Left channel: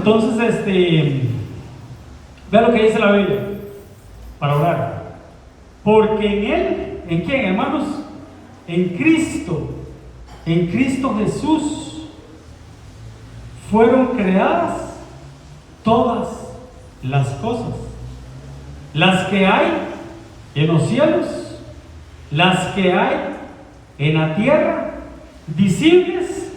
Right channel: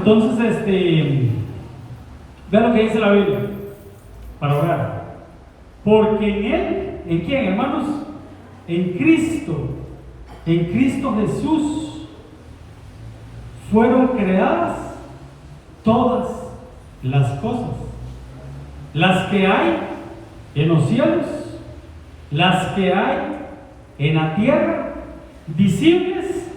entonces, vean lo que dice la Biblia para orar. Porque en Él, ¿en quién, hermanos? En Cristo Jesús fueron creadas todas las cosas, las que hay en los cielos, las que hay en la tierra, visibles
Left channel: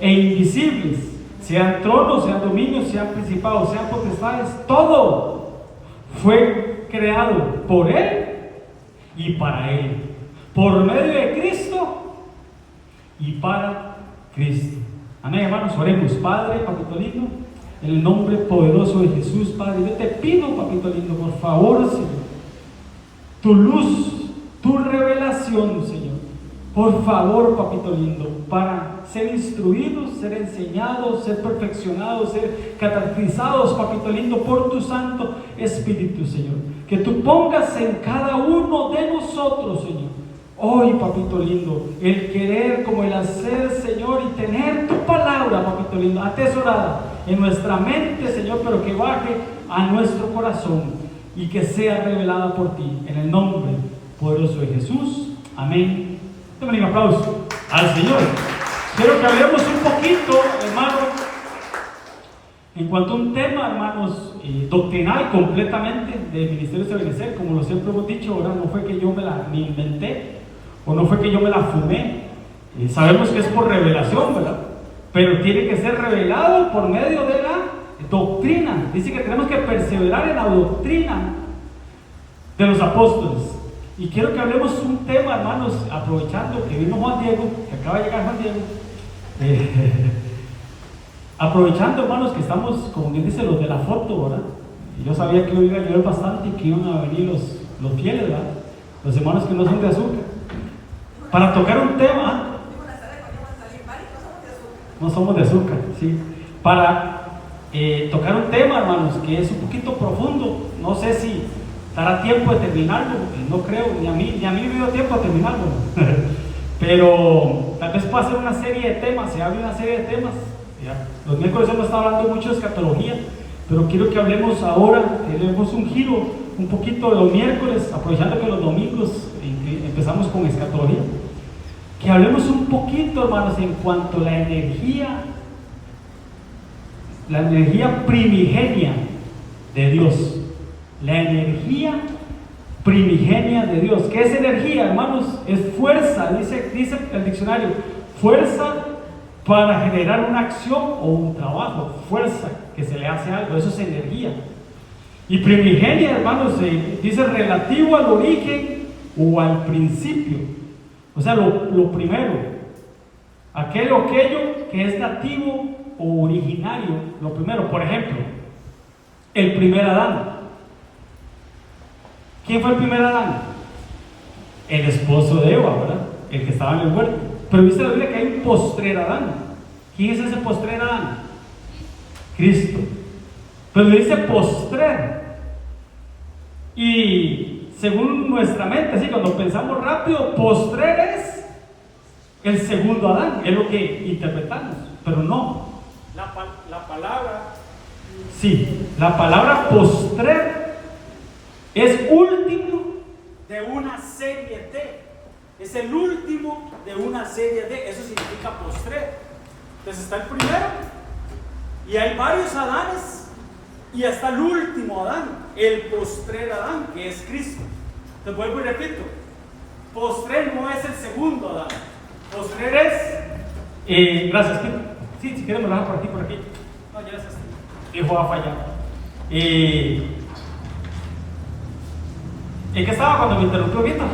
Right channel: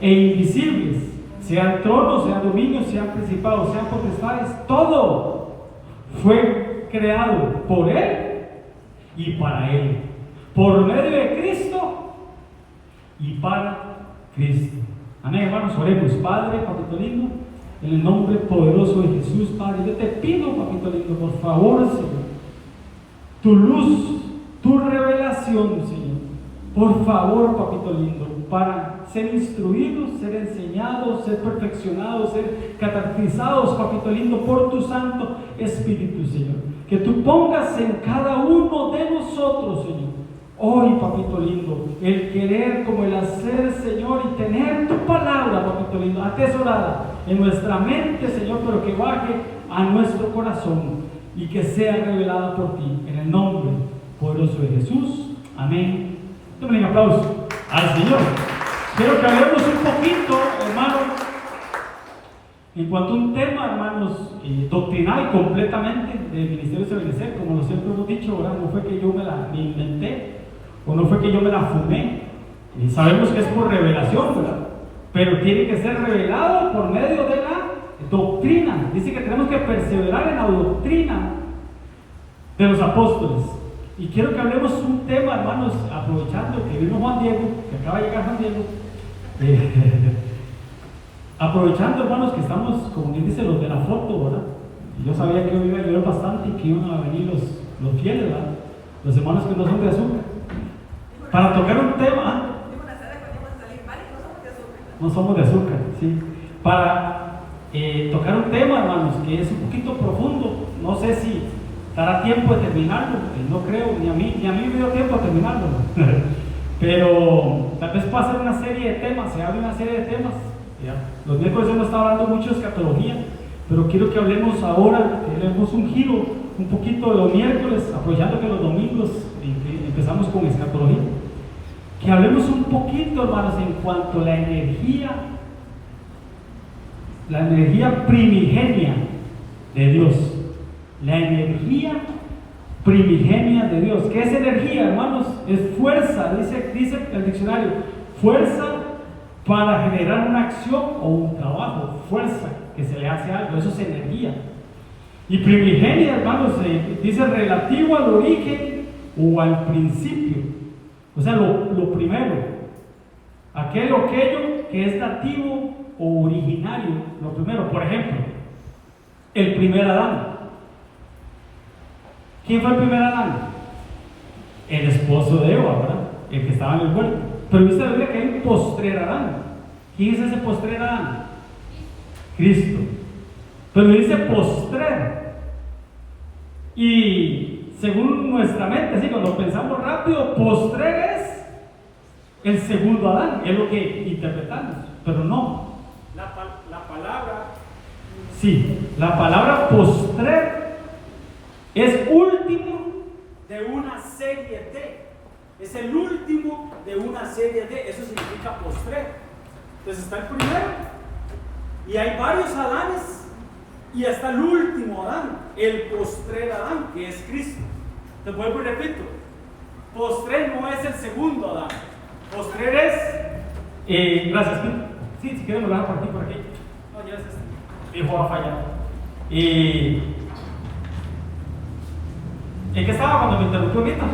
e invisibles, sean tronos, sean dominios, sean principados, sean potestades, todo fue creado por Él y para Él, por medio de Cristo y para Cristo. Amén, hermanos, oremos. Padre, papito lindo, en el nombre poderoso de Jesús, Padre, yo te pido, papito lindo, por favor, Señor, tu luz, tu revelación, Señor, por favor, papito lindo, para ser instruidos, ser enseñados, ser perfeccionados, ser catequizados, papito lindo, por tu Santo Espíritu, Señor, que tú pongas en cada uno de nosotros, Señor, hoy, papito lindo, el querer como el hacer, Señor, y tener tu palabra, papito lindo, atesorada en nuestra mente, Señor, pero que baje a nuestro corazón y que sea revelada por ti, en el nombre poderoso de Jesús. Amén. Denle un aplauso al Señor. Quiero que hablemos un poquito, hermanos, en cuanto a un tema, hermanos, doctrinal completamente del Ministerio de Ebenecer. Como siempre hemos dicho, ¿verdad? No fue que yo me inventé, o no fue que yo me la fumé. Sabemos que es por revelación, ¿verdad? Pero tiene que ser revelado por medio de la doctrina. Dice que tenemos que perseverar en la doctrina de los apóstoles. Y quiero que hablemos un tema, hermanos, aprovechando que vino Juan Diego, que acaba de llegar Juan Diego. Aprovechando, hermanos, que estamos, como bien dice, los de la foto, ¿verdad? Y yo sabía que hoy iba a llover bastante y que iban a venir los fieles, ¿verdad? Los hermanos que no son de azúcar. Para tocar un tema. No somos de azúcar, sí. Para tocar un tema, hermanos, que es un poquito profundo. No sé si dará tiempo de terminarlo, no creo, ni a mí me dio tiempo de terminarlo. Pero tal vez pueda ser una serie de temas, se abre una serie de temas. Los miércoles hemos estado hablando mucho de escatología, pero quiero que hablemos ahora, que le demos un giro un poquito de los miércoles, aprovechando que los domingos empezamos con escatología. Que hablemos un poquito, hermanos, en cuanto a la energía primigenia de Dios. La energía primigenia de Dios. ¿Qué es energía, hermanos? Es fuerza, dice el diccionario, fuerza para generar una acción o un trabajo, fuerza que se le hace a algo, eso es energía. Y primigenia, hermanos, dice relativo al origen o al principio. O sea, lo primero, aquello que es nativo o originario, lo primero. Por ejemplo, el primer Adán. ¿Quién fue el primer Adán? El esposo de Eva, ¿verdad? El que estaba en el huerto. Pero dice la Biblia que hay un postrer Adán. ¿Quién es ese postrer Adán? Cristo. Pero dice postrer. Y según nuestra mente, ¿sí? Cuando pensamos rápido, postrer es el segundo Adán, es lo que interpretamos, pero no. La palabra, sí, la palabra postrer es último de una serie de. Es el último de una serie de. Eso significa postrer. Entonces está el primero, y hay varios Adanes. Y hasta el último Adán, el postrer Adán, que es Cristo. Te vuelvo y repito, postrer no es el segundo Adán. Postrer es, gracias, sí, si quieren lo dejo por aquí. No, ya es hijo va a fallar. ¿En qué estaba cuando me interrumpió Víctor?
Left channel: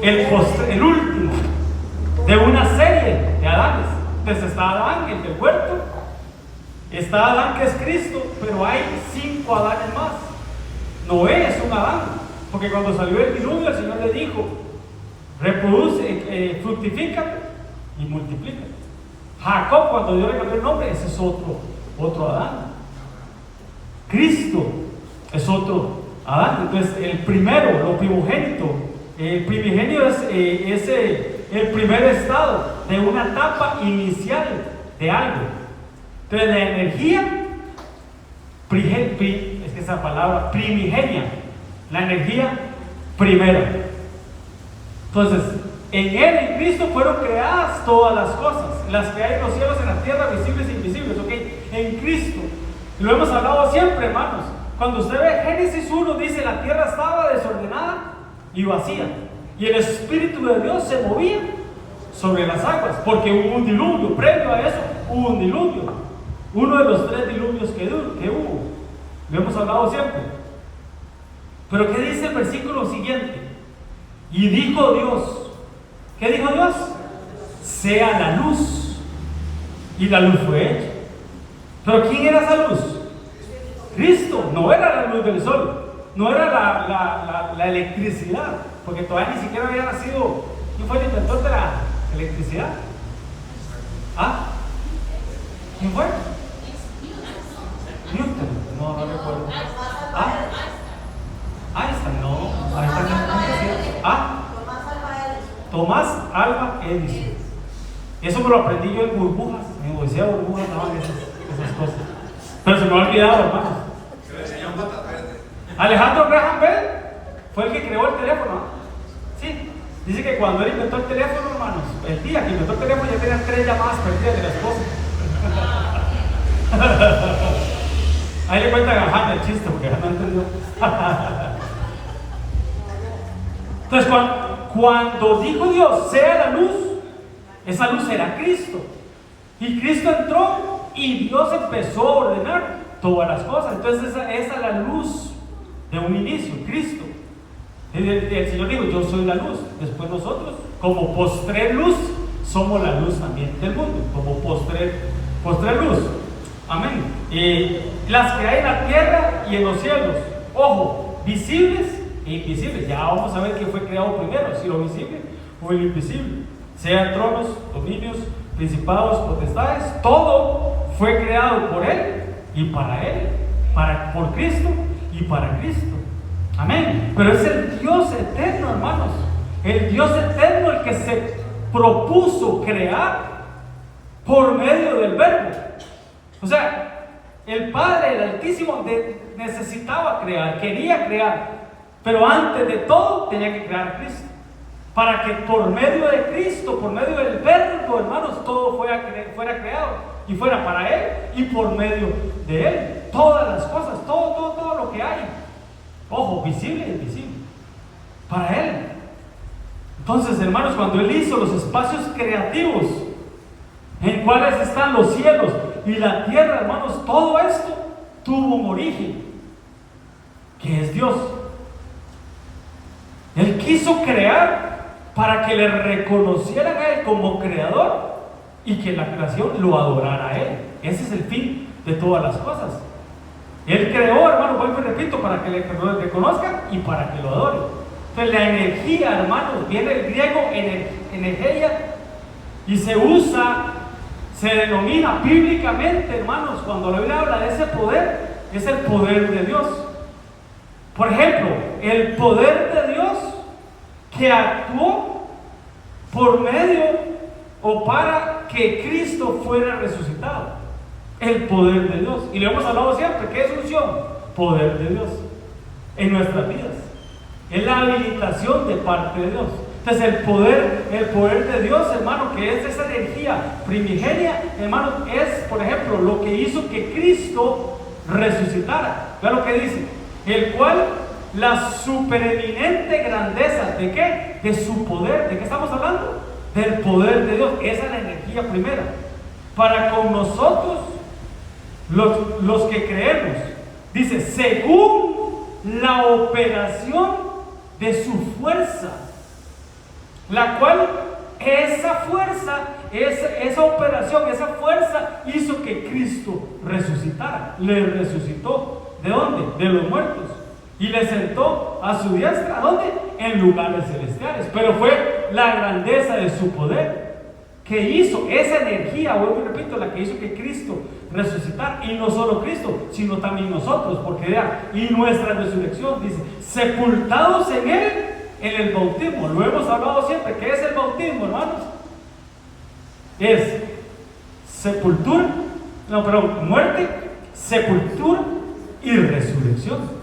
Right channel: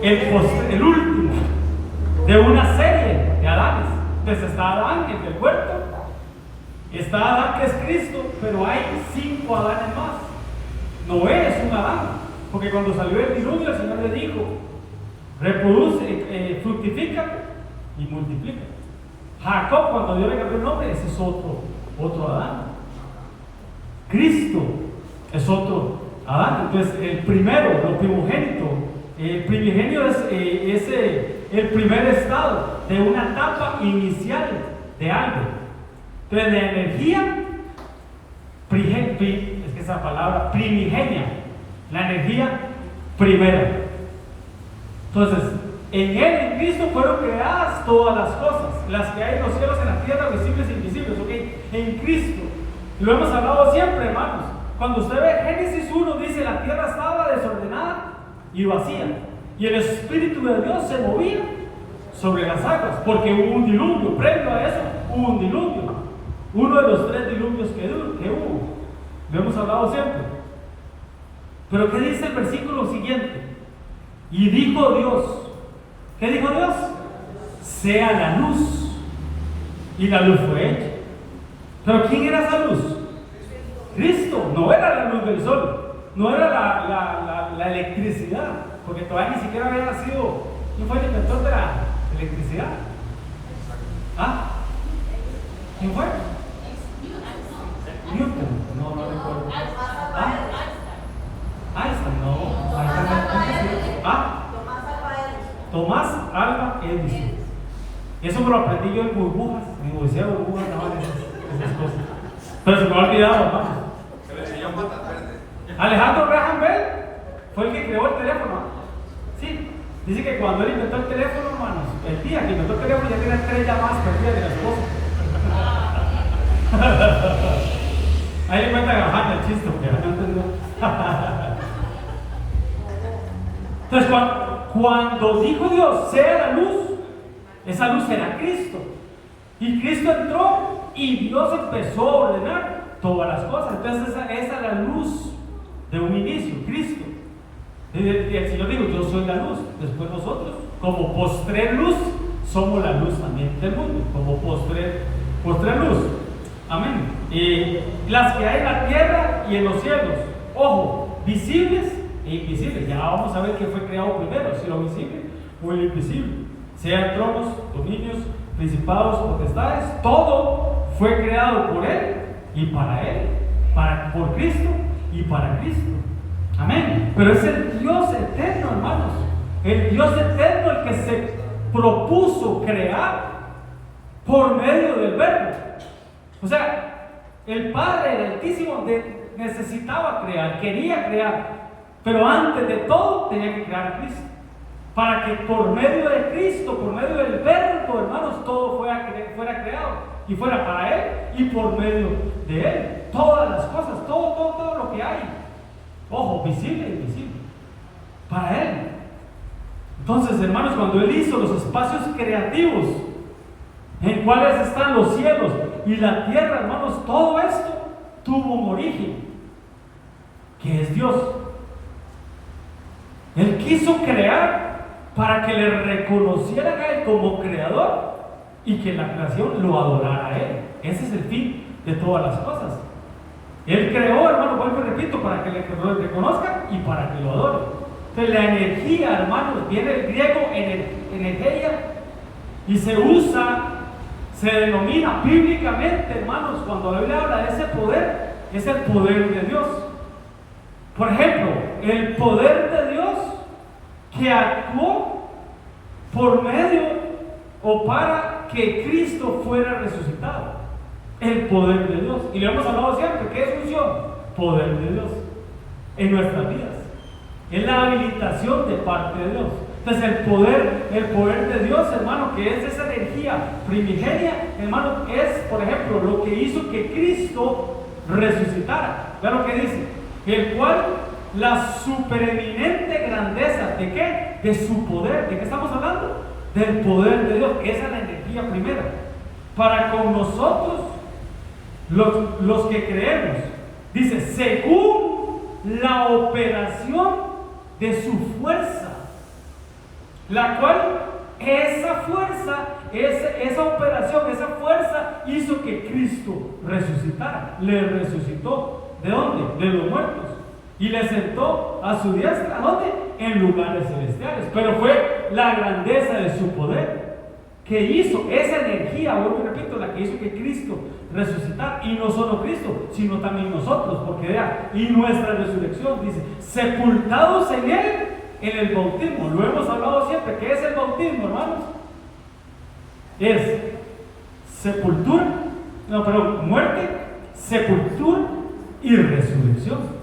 El último de una serie de Adanes. Entonces está Adán, el del huerto. Está Adán, que es Cristo, pero hay 5 Adanes más. Noé es un Adán, porque cuando salió del diluvio el Señor le dijo: reproduce, fructifícate y multiplícate. Jacob, cuando Dios le cambió el nombre, ese es otro Adán. Cristo es otro Adán. Entonces el primero, lo primogénito, el primigenio es el primer estado de una etapa inicial de algo. Entonces, la energía, es que esa palabra, primigenia, la energía primera. Entonces, en Él, en Cristo, fueron creadas todas las cosas, las que hay en los cielos, en la tierra, visibles e invisibles, ¿ok? En Cristo. Lo hemos hablado siempre, hermanos. Cuando usted ve Génesis 1, dice, la tierra estaba desordenada y vacía, y el Espíritu de Dios se movía sobre las aguas, porque hubo un diluvio. Previo a eso, hubo un diluvio. Uno de los 3 diluvios que hubo. Lo hemos hablado siempre. Pero ¿qué dice el versículo siguiente? Y dijo Dios, ¿qué dijo Dios? Sea la luz. Y la luz fue hecha. ¿Pero quién era esa luz? Cristo. No era la luz del sol, no era la electricidad, porque todavía ni siquiera había nacido. ¿Quién fue el inventor de la electricidad? ¿Ah? ¿Quién fue? Newton. No recuerdo. ¿Ah? Einstein, no. ¿Ah? Tomás Alva Edison. Eso me lo aprendí yo en burbujas. Me decía burbujas, no, esas cosas. Pero se me ha olvidado, hermano. Se le enseñó patas verdes. Alejandro Graham Bell fue el que creó el teléfono. Sí, dice que cuando él inventó el teléfono, hermanos, el día que inventó el teléfono ya tenía 3 llamadas perdidas de la esposa. Ahí le cuentan a Juan el chiste porque no entendió. Entonces, cuando dijo Dios, sea la luz, esa luz era Cristo. Y Cristo entró y Dios empezó a ordenar todas las cosas. Entonces, esa es la luz de un inicio, Cristo. El Señor dijo, yo soy la luz. Después nosotros, como postrer luz, somos la luz también del mundo. Como postrer luz. Amén. Las que hay en la tierra y en los cielos, ojo, visibles e invisibles. Ya vamos a ver qué fue creado primero, si lo visible o lo invisible. Sean tronos, dominios, principados, potestades, todo fue creado por Él y para Él, por Cristo y para Cristo. Amén. Pero es el Dios eterno, hermanos. El Dios eterno el que se propuso crear por medio del Verbo. O sea, el Padre, el Altísimo, necesitaba crear, quería crear, pero antes de todo tenía que crear a Cristo. Para que por medio de Cristo, por medio del Verbo, hermanos, todo fuera creado y fuera para Él y por medio de Él. Todas las cosas, todo lo que hay. Ojo, visible e invisible. Para Él. Entonces, hermanos, cuando Él hizo los espacios creativos en cuales están los cielos y la tierra, hermanos, todo esto tuvo un origen, que es Dios. Él quiso crear para que le reconocieran a Él como creador y que la creación lo adorara a Él. Ese es el fin de todas las cosas. Él creó, hermano, vuelvo y repito, para que le reconozcan y para que lo adoren. Entonces la energía, hermanos, viene del griego energía y se denomina bíblicamente, hermanos, cuando la Biblia habla de ese poder, es el poder de Dios. Por ejemplo, el poder de Dios que actuó por medio o para que Cristo fuera resucitado. El poder de Dios. Y le hemos hablado siempre, ¿qué es unción? Poder de Dios en nuestras vidas. Es la habilitación de parte de Dios. Entonces el poder de Dios, hermano, que es esa energía primigenia, hermano, es, por ejemplo, lo que hizo que Cristo resucitara. Vean lo que dice, el cual la supereminente grandeza, ¿de qué? De su poder. ¿De qué estamos hablando? Del poder de Dios. Esa es la energía primera. Para con nosotros, los que creemos, dice, según la operación de su fuerza, la cual esa fuerza, esa operación, esa fuerza hizo que Cristo resucitara. Le resucitó. ¿De dónde? De los muertos. Y le sentó a su diestra. ¿Dónde? En lugares celestiales. Pero fue la grandeza de su poder que hizo esa energía, vuelvo y repito, la que hizo que Cristo resucitara. Y no solo Cristo, sino también nosotros. Porque vea, y nuestra resurrección, dice, sepultados en Él en el bautismo. Lo hemos hablado siempre. ¿Qué es el bautismo, hermanos? Es sepultura no, perdón, muerte, sepultura y resurrección.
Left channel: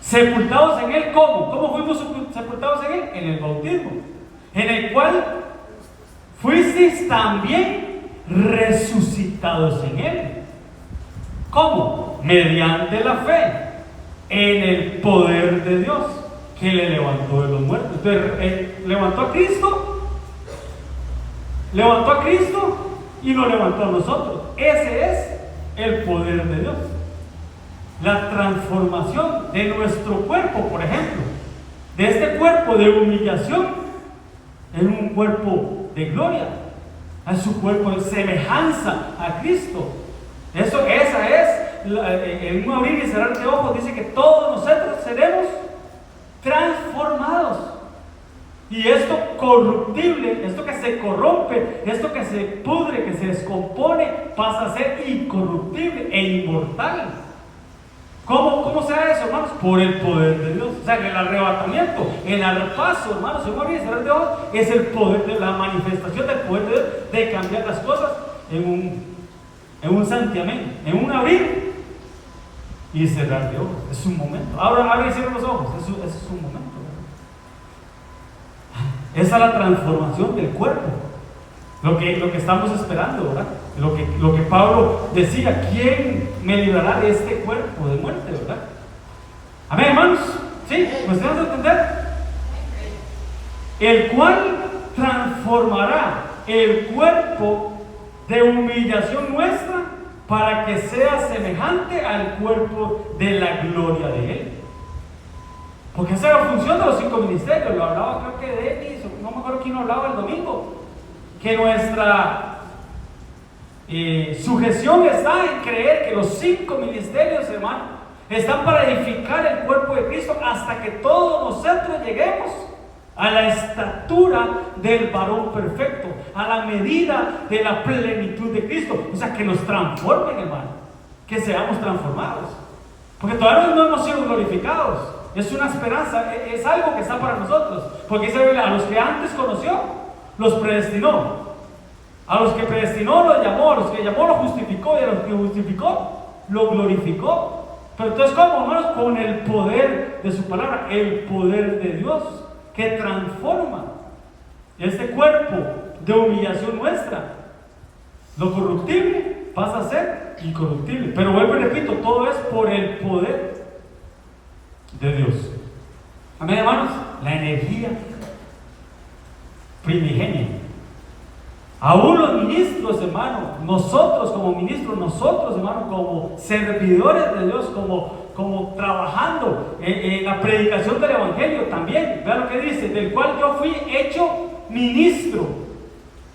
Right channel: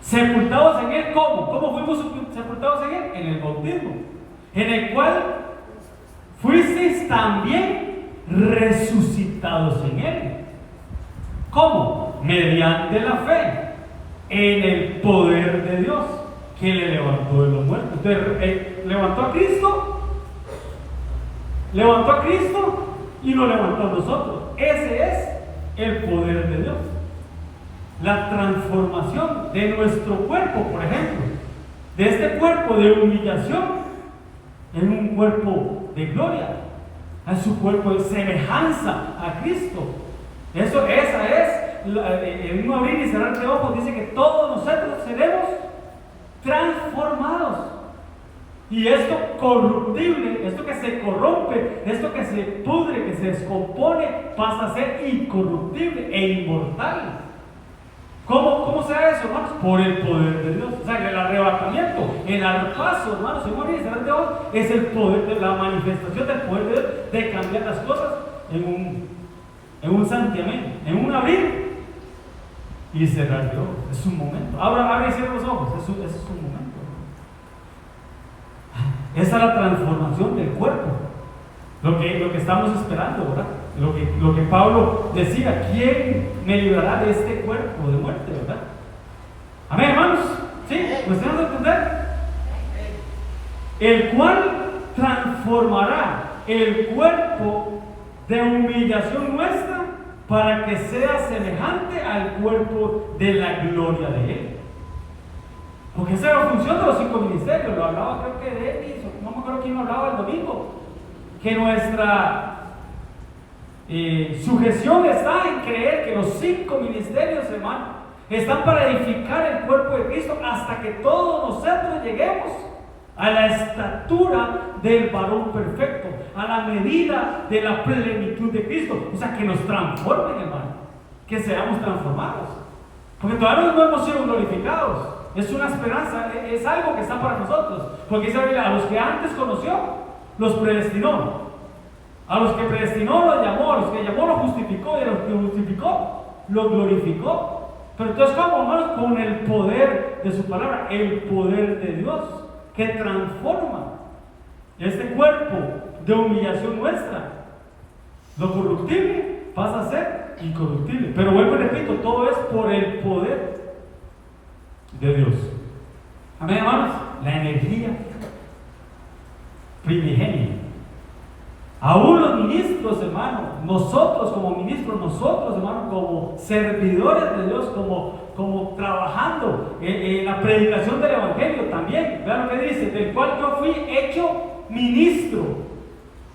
Sepultados en Él, ¿cómo? ¿Cómo fuimos sepultados en Él? En el bautismo, en el cual fuisteis también resucitados en Él. ¿Cómo? Mediante la fe en el poder de Dios que le levantó de los muertos. Entonces, levantó a Cristo y lo levantó a nosotros. Ese es el poder de Dios. La transformación de nuestro cuerpo, por ejemplo, de este cuerpo de humillación en un cuerpo de gloria, a su cuerpo de semejanza a Cristo. Esa es, en un abrir y cerrar de ojos, dice que todos nosotros seremos transformados. Y esto corruptible, esto que se corrompe, esto que se pudre, que se descompone, pasa a ser incorruptible e inmortal. ¿Cómo se eso, hermanos? Por el poder de Dios. O sea, el arrebatamiento, el arpazo, hermanos, según abrir y cerrar de ojos, es el poder de la manifestación del poder de Dios, de cambiar las cosas en un santiamén, en un abrir y cerrar de ojos. Es un momento. Ahora abre y cierra los ojos. Eso es un momento. Esa es la transformación del cuerpo. Lo que estamos esperando, ¿verdad? Lo que Pablo decía: ¿quién me librará de este cuerpo de muerte, verdad? Amén, hermanos. ¿Sí? ¿Me están a entender? El cual transformará el cuerpo de humillación nuestra para que sea semejante al cuerpo de la gloria de Él. Porque esa es la función de los 5 ministerios. Lo hablaba, creo que de Denis, no me acuerdo quién lo hablaba el domingo. Que nuestra sujeción está en creer que los 5 ministerios, hermano, están para edificar el cuerpo de Cristo hasta que todos nosotros lleguemos a la estatura del varón perfecto, a la medida de la plenitud de Cristo. O sea, que nos transformen, hermano, que seamos transformados, porque todavía no hemos sido glorificados. Es una esperanza, es algo que está para nosotros, porque dice la Biblia: a los que antes conoció, los predestinó. A los que predestinó los llamó, a los que llamó los justificó, y a los que justificó los glorificó. Pero entonces, ¿cómo, hermanos? Con el poder de su palabra, el poder de Dios que transforma este cuerpo de humillación nuestra. Lo corruptible pasa a ser incorruptible. Pero vuelvo y repito, todo es por el poder de Dios. Amén, hermanos. La energía primigenia. Aún los ministros, hermanos, nosotros como ministros, nosotros, hermanos, como servidores de Dios, como trabajando en la predicación del Evangelio también. Vean lo que dice: del cual yo fui hecho ministro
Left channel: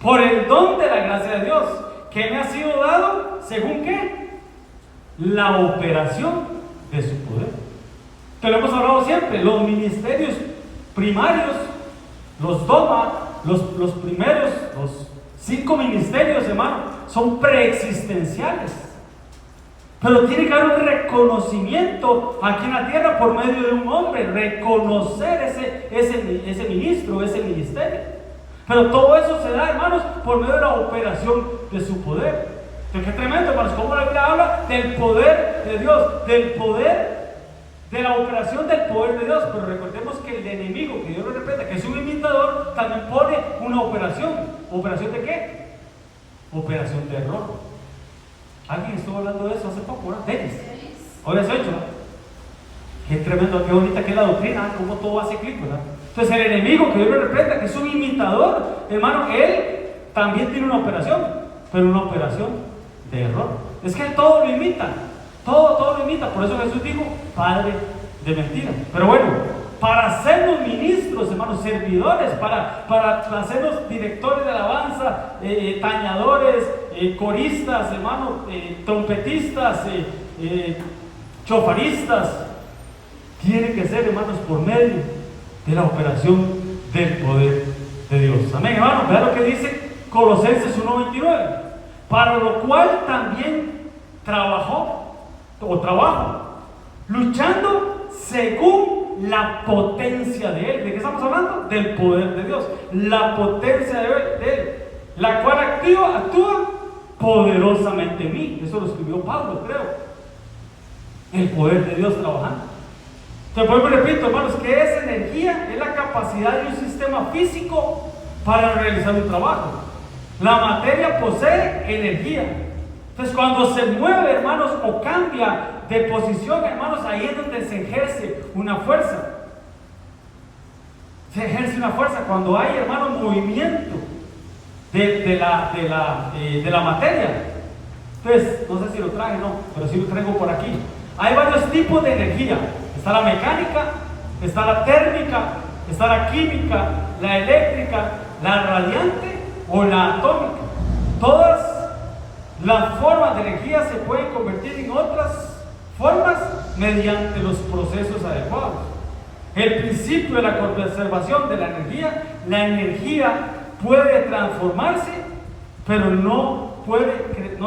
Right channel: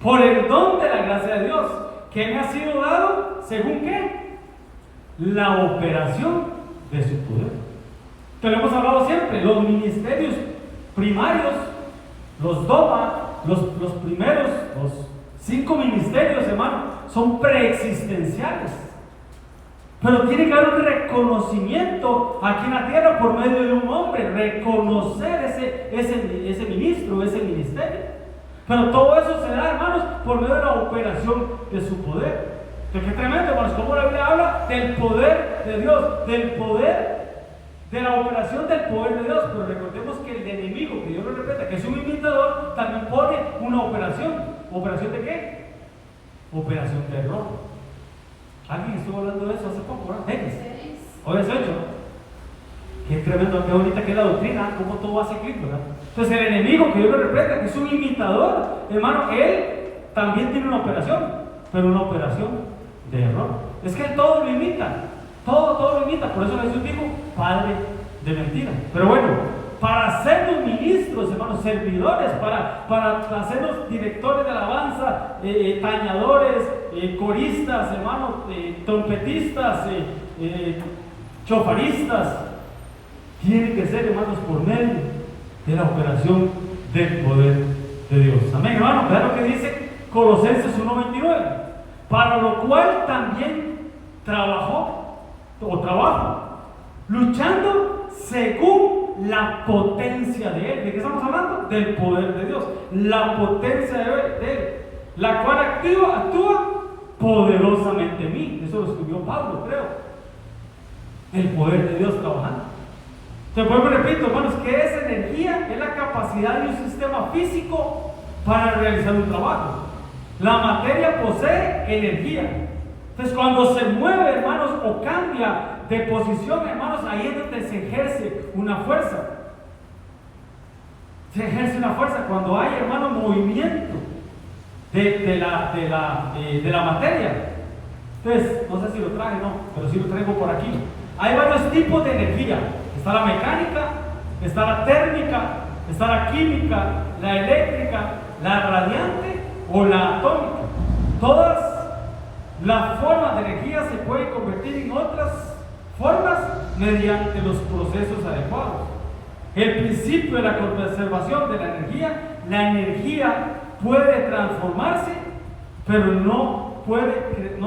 por el don de la gracia de Dios, que me ha sido dado, ¿según qué? La operación de su poder. Que lo hemos hablado siempre: los ministerios primarios, los doma, los primeros, los 5 ministerios, hermano, son preexistenciales. Pero tiene que haber un reconocimiento aquí en la tierra por medio de un hombre, reconocer ese ministro, ese ministerio. Pero todo eso se da, hermanos, por medio de la operación de su poder. Entonces, qué tremendo, hermanos, como la Biblia habla del poder de Dios, del poder, de la operación del poder de Dios. Pero recordemos que el enemigo, que Dios lo repite, que es un imitador, también pone una operación. ¿Operación de qué? Operación de error. Alguien estuvo hablando de eso hace poco, ¿verdad? Hoy es hecho. Qué tremendo, qué bonita que es la doctrina, cómo todo va cíclico, ¿verdad? Entonces el enemigo, que Dios lo repite, que es un imitador, hermano, él también tiene una operación, pero una operación de error. Es que él todo lo imita. Todo lo imita. Por eso Jesús dijo: padre de mentira. Pero bueno, para sernos ministros, hermanos, servidores, para hacernos directores de alabanza, tañadores, coristas, hermanos, trompetistas, chofaristas, tiene que ser, hermanos, por medio de la operación del poder de Dios. Amén, hermanos. Vean lo que dice Colosenses 1:29: para lo cual también trabajo, luchando según la potencia de Él. ¿De qué estamos hablando? Del poder de Dios. La potencia de Él, la cual actúa poderosamente en mí. Eso lo escribió Pablo, creo. El poder de Dios trabajando. Te vuelvo y repito, hermanos, que es energía, es la capacidad de un sistema físico para realizar un trabajo. La materia posee energía. Entonces, cuando se mueve, hermanos, o cambia de posición, hermanos, ahí es donde se ejerce una fuerza. Se ejerce una fuerza cuando hay, hermanos, movimiento de la materia. Entonces, no sé si lo traje, no, pero sí lo traigo por aquí. Hay varios tipos de energía. Está la mecánica, está la térmica, está la química, la eléctrica, la radiante o la atómica. Todas las formas de energía se pueden convertir en otras formas mediante los procesos adecuados. El principio de la conservación de la energía puede transformarse, pero no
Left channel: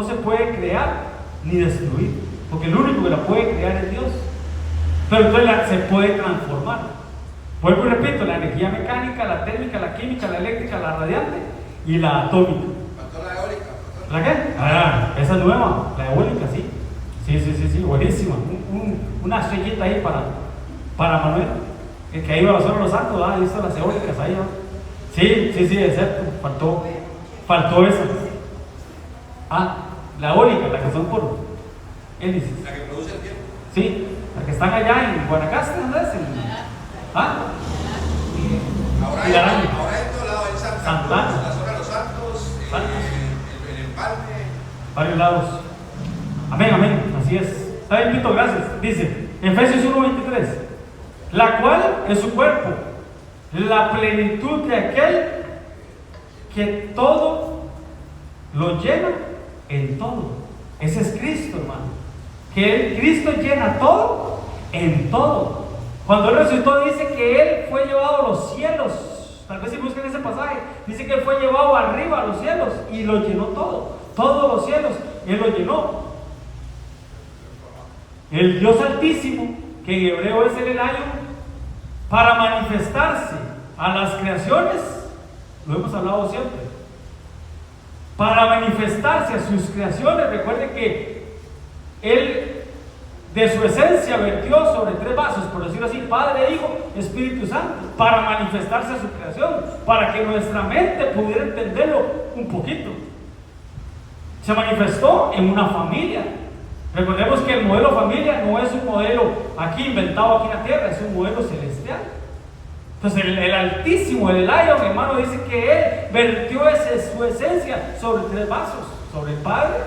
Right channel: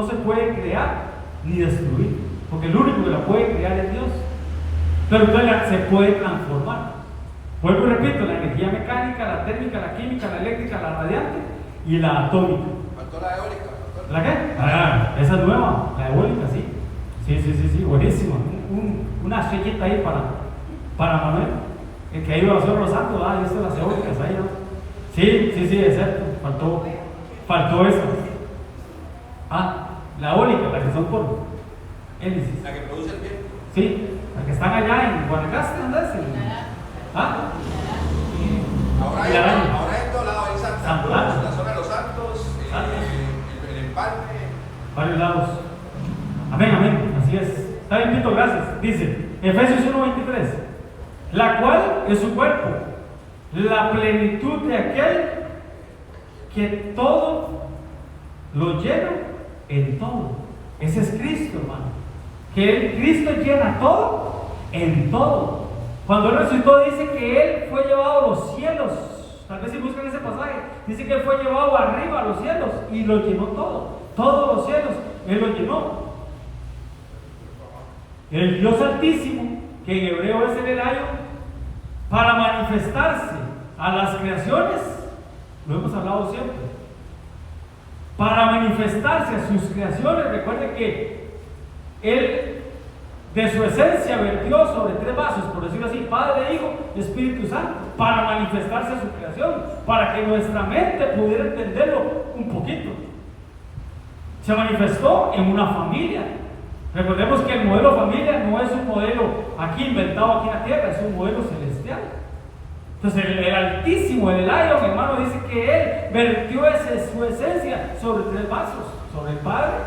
se puede crear ni destruir, porque el único que la puede crear es Dios. Pero entonces se puede transformar. Vuelvo y repito, la energía mecánica, la térmica, la química, la eléctrica, la radiante y la atómica. Faltó la eólica. ¿La qué? Esa es nueva, la eólica, sí. Sí, buenísima. Una estrellita ahí para Manuel. El que iba a hacer los santos, ahí están las eólicas ahí. Sí, es cierto. Faltó esa. La eólica, la que son por hélices. La que produce el viento. Sí, las que están allá en Guanacaste, ¿no es? Ahora hay todo lado, hay San Blas, la zona de los Santos, el Empalme. Varios lados. Amén, así es. Está bien, Pito, gracias. Dice, Efesios 1:23, la cual es su cuerpo, la plenitud de aquel que todo lo llena en todo. Ese es Cristo, hermano. Que Cristo llena todo en todo. Cuando Él resucitó, dice que Él fue llevado a los cielos. Tal vez si buscan ese pasaje, dice que Él fue llevado arriba a los cielos y lo llenó todo. Todos los cielos, Él lo llenó. El Dios Altísimo, que en hebreo es el Elayo, para manifestarse a las creaciones, lo hemos hablado siempre, para manifestarse a sus creaciones. Recuerden que Él de su esencia vertió sobre 3 vasos, por decirlo así, Padre, Hijo, Espíritu Santo, para manifestarse a su creación, para que nuestra mente pudiera entenderlo un poquito. Se manifestó en una familia. Recordemos que el modelo familia no es un modelo aquí inventado aquí en la tierra, es un modelo celestial. Entonces el Altísimo, el Elayo, mi hermano, dice que Él vertió su esencia sobre 3 vasos, sobre el Padre,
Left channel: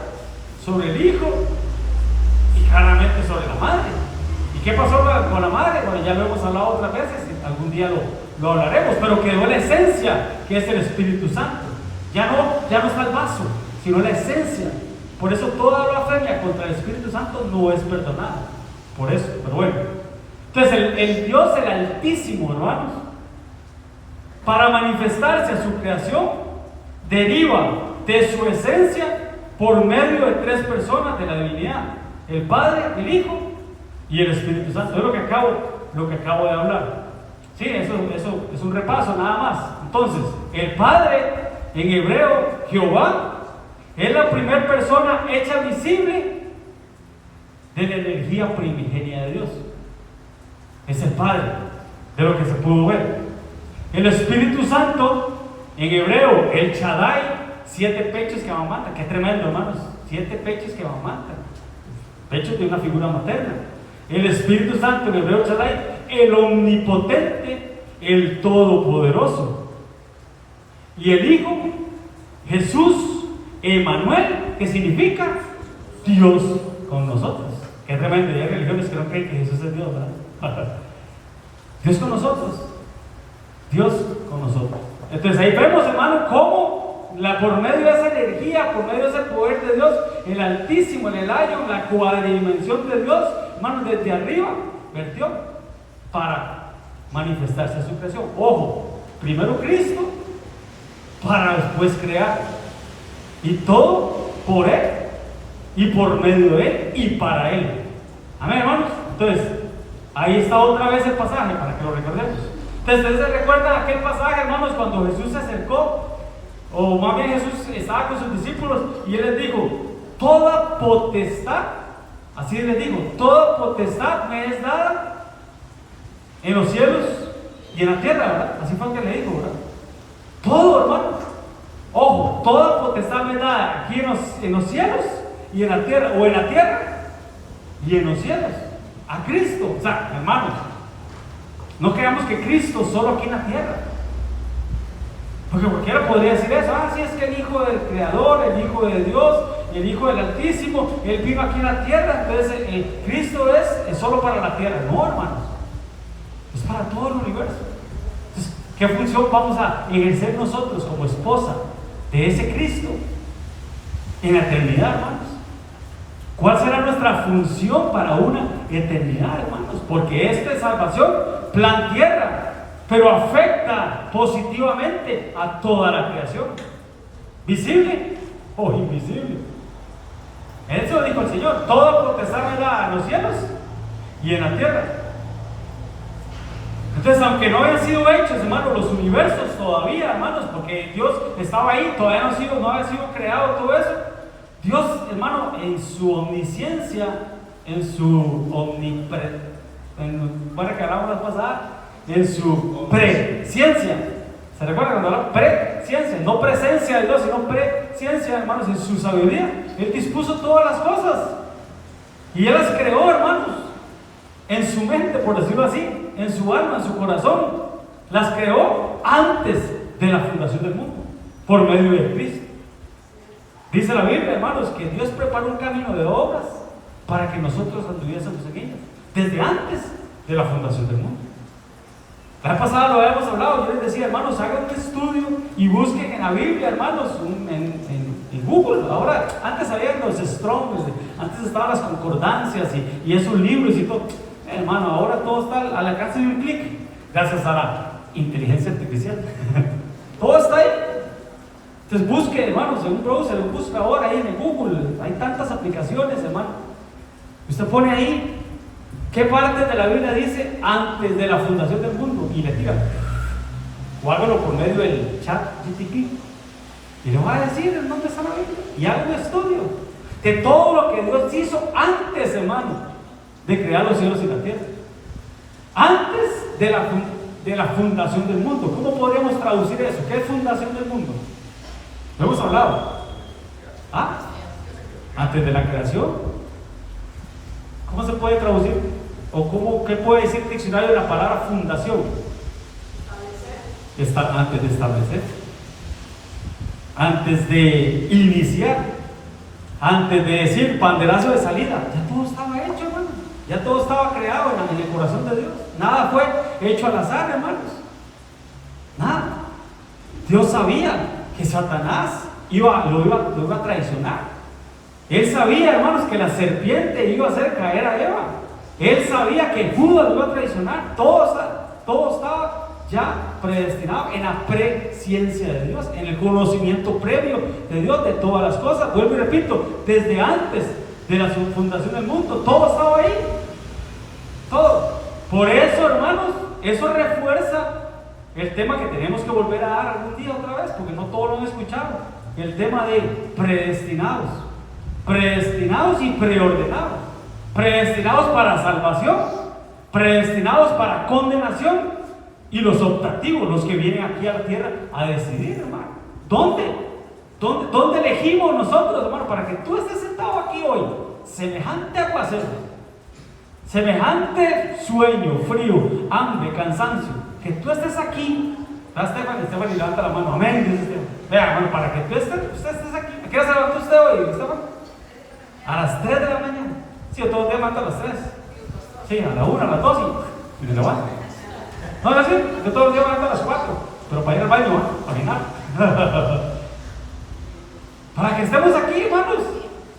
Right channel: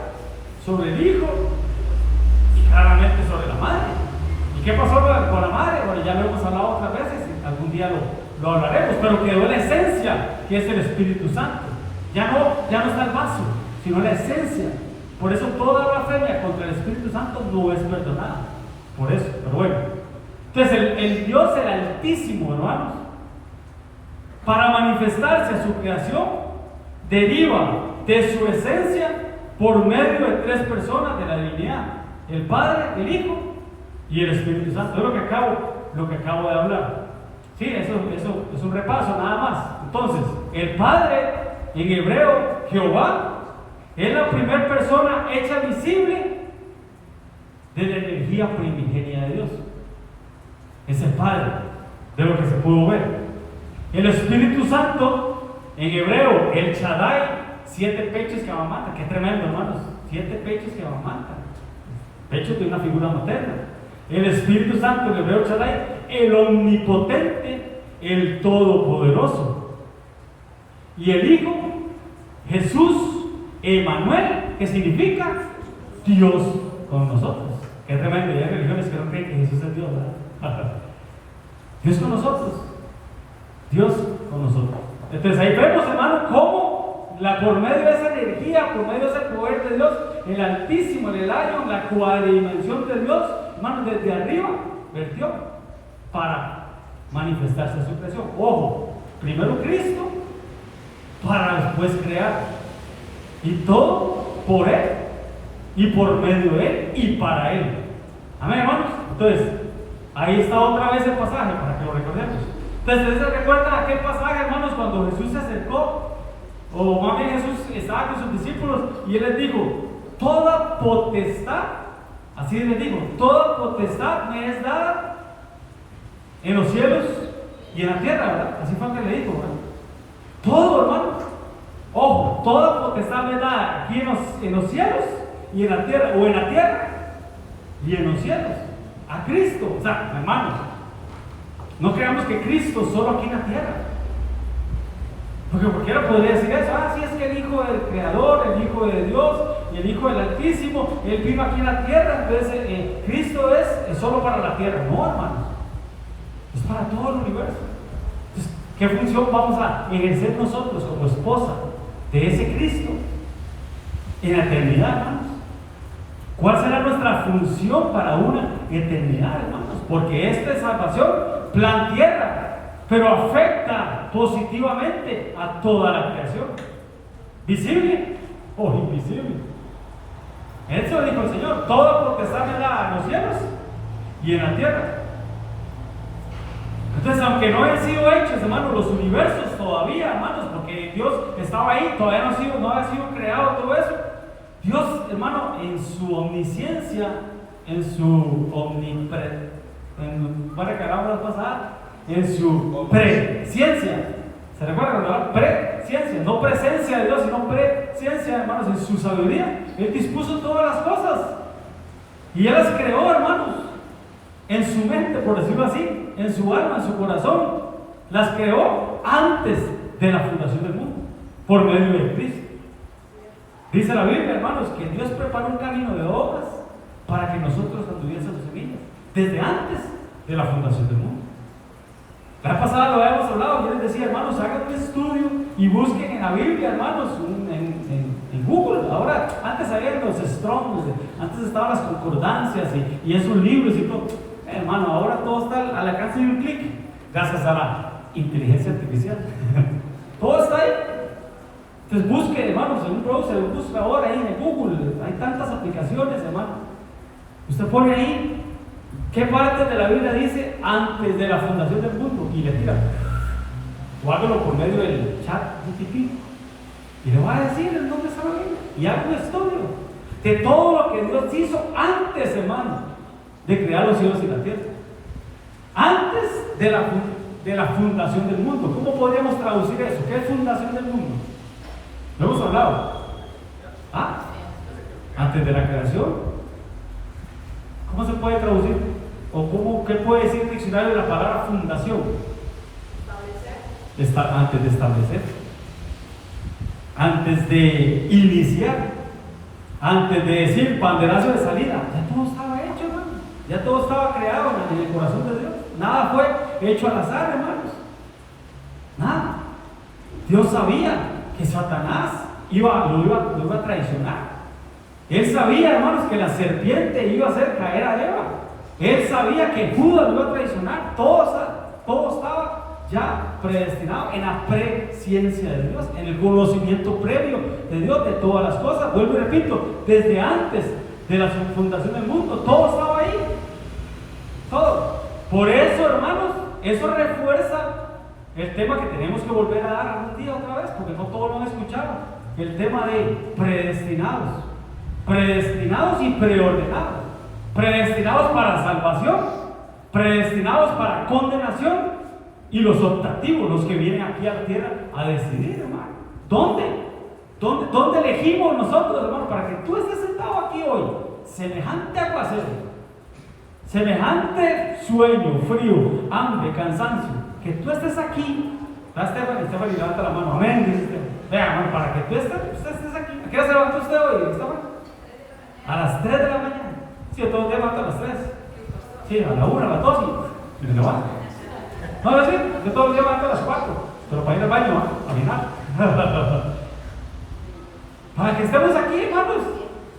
sobre el Hijo y claramente sobre la Madre. ¿Y qué pasó con la Madre? Bueno, ya lo hemos hablado otras veces, algún día lo hablaremos, pero quedó la esencia, que es el Espíritu Santo. Ya no está el vaso, sino la esencia. Por eso toda blasfemia contra el Espíritu Santo no es perdonada. Por eso, pero bueno. Entonces el Dios, el Altísimo, hermanos, para manifestarse a su creación, deriva de su esencia por medio de 3 personas de la divinidad: el Padre, el Hijo y el Espíritu Santo. Es lo que acabo de hablar. Sí, eso es un repaso nada más. Entonces, el Padre, en hebreo, Jehová, es la primera persona hecha visible de la energía primigenia de Dios. Es el Padre, de lo que se pudo ver. El Espíritu Santo, en hebreo, el Shaddai, 7 pechos que amamantan. Qué tremendo, hermanos. 7 pechos que amamantan. Pechos de una figura materna. El Espíritu Santo, en hebreo, Shaddai, el omnipotente, el todopoderoso. Y el Hijo, Jesús, Emmanuel, que significa Dios con nosotros. Qué tremendo. Hay religiones que no creen que Jesús es Dios, ¿verdad? Dios con nosotros. Dios con nosotros. Entonces ahí vemos, hermano, cómo por medio de esa energía, por medio de ese poder de Dios, el Altísimo, el Elayo, la cuadridimensión de Dios, hermano, desde arriba vertió para manifestarse a su creación. Ojo, primero Cristo para después crear. Y todo por Él y por medio de Él y para Él. Amén, hermanos. Entonces, ahí está otra vez el pasaje para que lo recordemos. Entonces, ¿ustedes se recuerdan aquel pasaje, hermanos, cuando Jesús se acercó O más bien Jesús estaba con sus discípulos y Él les dijo, toda potestad, así les dijo, toda potestad me es dada en los cielos y en la tierra, ¿verdad? Así fue que le dijo, ¿verdad? Todo, hermano. Ojo, toda potestad me es dada aquí en los cielos y en la tierra, o en la tierra y en los cielos. A Cristo, o sea, hermanos, no creamos que Cristo solo aquí en la tierra. Porque cualquiera podría decir eso, sí, es que el Hijo del Creador, el Hijo de Dios y el Hijo del Altísimo, Él vive aquí en la tierra, entonces Cristo es solo para la tierra. No, hermanos, es para todo el universo. Entonces, ¿qué función vamos a ejercer nosotros como esposa de ese Cristo en la eternidad, hermanos? ¿Cuál será nuestra función para una eternidad, hermanos? Porque esta salvación plantea, pero afecta positivamente a toda la creación, visible o invisible. Eso dijo el Señor, toda potestad me da en los cielos y en la tierra. Entonces, aunque no hayan sido hechos, hermanos, los universos todavía, hermanos, porque Dios estaba ahí, todavía no había sido creado todo eso. Dios, hermano, en su omnisciencia, en su en su presciencia. ¿Se recuerdan cuando hablan presciencia? No presencia de Dios, sino presciencia, hermanos, en su sabiduría. Él dispuso todas las cosas y Él las creó, hermanos, en su mente, por decirlo así, en su alma, en su corazón. Las creó antes de la fundación del mundo, por medio de Cristo. Dice la Biblia, hermanos, que Dios preparó un camino de obras para que nosotros anduviésemos en ella, desde antes de la fundación del mundo. La vez pasada lo habíamos hablado, yo les decía, hermanos, hagan un estudio y busquen en la Biblia, hermanos, en Google. Ahora, antes había los Strong's, antes estaban las concordancias y esos libros y todo. Hermano, ahora todo está al alcance de un clic, gracias a la inteligencia artificial. Todo está ahí. Entonces busque, hermanos, en un browser, busca ahora ahí en Google, hay tantas aplicaciones, hermano. Usted pone ahí qué parte de la Biblia dice antes de la fundación del mundo y le tira, o hágalo por medio del chat GTP y le voy a decir en dónde está la Biblia y haga un estudio de todo lo que Dios hizo antes, hermano, de crear los cielos y la tierra, antes de la fundación del mundo. ¿Cómo podríamos traducir eso? ¿Qué es fundación del mundo? Lo hemos hablado. Antes de la creación. ¿Cómo se puede traducir? ¿O qué puede decir el diccionario de la palabra fundación? Antes de establecer, antes de iniciar, antes de decir banderazo de salida. Ya todo estaba hecho, hermano. Ya todo estaba creado en el corazón de Dios. Nada fue hecho al azar, hermanos. Nada. Dios sabía que Satanás lo iba a traicionar. Él sabía, hermanos, que la serpiente iba a hacer caer a Eva. Él sabía que Judas lo iba a traicionar. Todo estaba ya predestinado en la presciencia de Dios, en el conocimiento previo de Dios de todas las cosas. Vuelvo y repito, desde antes de la fundación del mundo, todo estaba ahí. Todo. Por eso, hermanos, eso refuerza el tema que tenemos que volver a dar algún día otra vez, porque no todos lo han escuchado. El tema de predestinados. Predestinados y preordenados. Predestinados para salvación, predestinados para condenación, y los optativos, los que vienen aquí a la tierra a decidir, hermano. ¿Dónde elegimos nosotros, hermano, para que tú estés sentado aquí hoy? Semejante aguacero, semejante sueño, frío, hambre, cansancio, que tú estés aquí. Esteban levanta la mano, amén, dice Esteban. Vea, hermano, para que tú estés aquí. ¿A qué hora se levantó usted hoy, Esteban? A las 3 de la mañana. Sí, yo todos los días levanto a las 3. Sí, a la 1, a las 2 y me levanto. No, es decir, yo todos los días levanto a las 4, pero para ir al baño, a caminar. Para que estemos aquí, hermanos,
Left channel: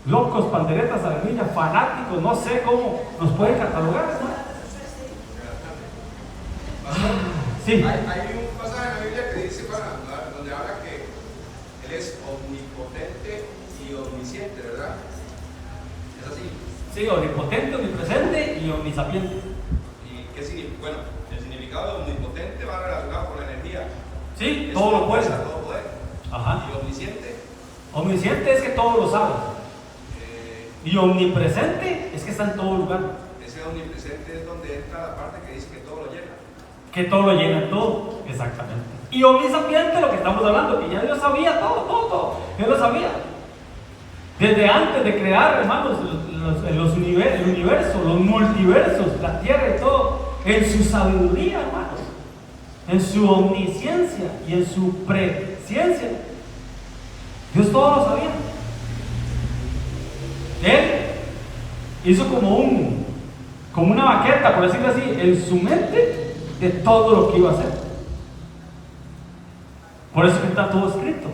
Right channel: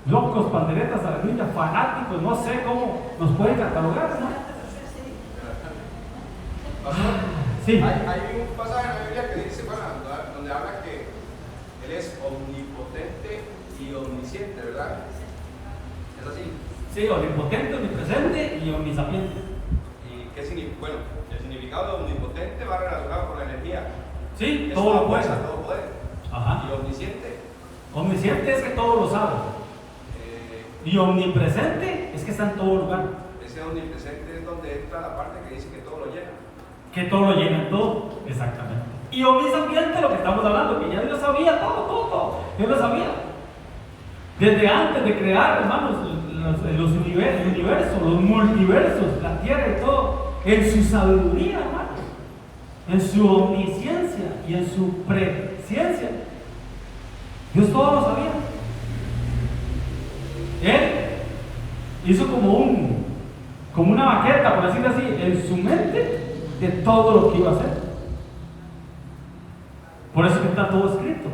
locos, panderetas, a la niña, fanáticos, no sé cómo nos pueden catalogar, hermano. Sí. Hay un pasaje en la Biblia que dice, donde habla que Él es omnipotente y omnisciente, ¿verdad? ¿Es así? Sí, omnipotente, omnipresente y omnisapiente. ¿Y qué significa? Bueno, el significado de omnipotente va relacionado con la energía. Sí, todo lo puede. Todo poder. Ajá. Y omnisciente. Omnisciente es que todo lo sabe. Y omnipresente es que está en todo lugar. Ese omnipresente es donde entra la parte que dice que todo lo llena. Que todo lo llena, todo. Exactamente. Y omnisciente, lo que estamos hablando, que ya Dios sabía todo. Dios lo sabía. Desde antes de crear, hermanos, el universo, los multiversos, la tierra y todo, en su sabiduría, hermanos, en su omnisciencia y en su presciencia, Dios todo lo sabía. Él hizo como una maqueta, por decirlo así, en su mente de todo lo que iba a hacer. Por eso que está todo escrito.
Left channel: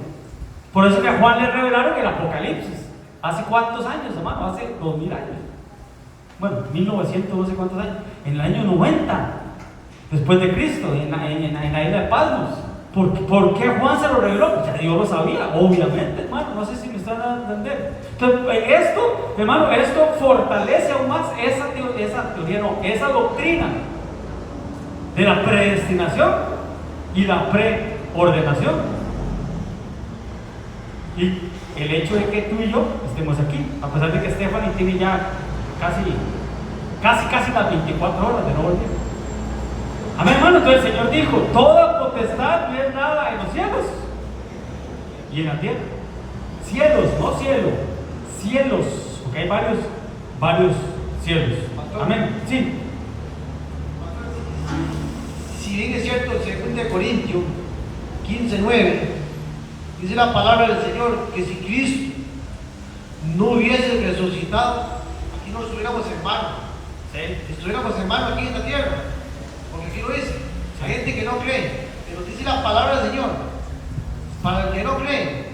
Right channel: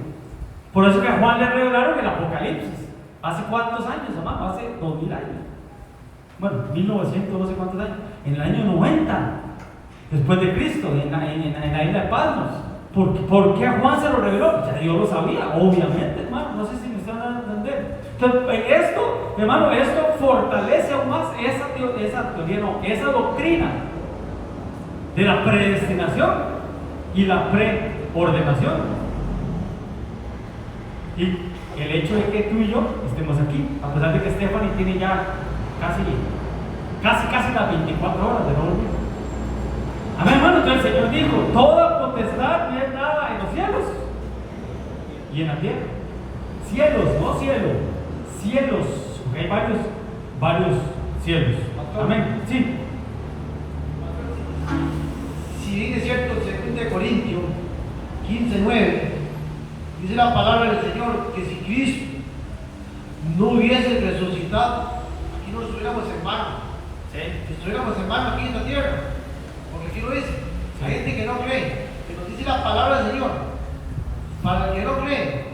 Por eso que a Juan le revelaron el Apocalipsis. ¿Hace cuántos años, hermano? Hace 2000 años. Bueno, 1900, no sé cuántos años. En el año 90, después de Cristo, en la isla de Patmos. ¿Por qué Juan se lo reveló? Ya Dios lo sabía, obviamente, hermano. No sé si me están dando a entender. Entonces, esto, hermano, esto fortalece aún más esa doctrina de la predestinación y la preordenación. Y el hecho de que tú y yo estemos aquí, a pesar de que Stephanie tiene ya casi las 24 horas de nuevo día. Amén, hermano. Entonces el Señor dijo: toda potestad me es dada en los cielos y en la tierra. Cielos, no cielo, cielos, porque hay varios cielos. Amén. Sí. Si bien es cierto, en 2 Corintios 15:9 dice la palabra del Señor que si Cristo no hubiese resucitado, aquí no estuviéramos en vano. Estuviéramos en vano aquí en la tierra, porque aquí lo dice. Hay gente que no cree, pero dice la palabra del Señor, para el que no cree,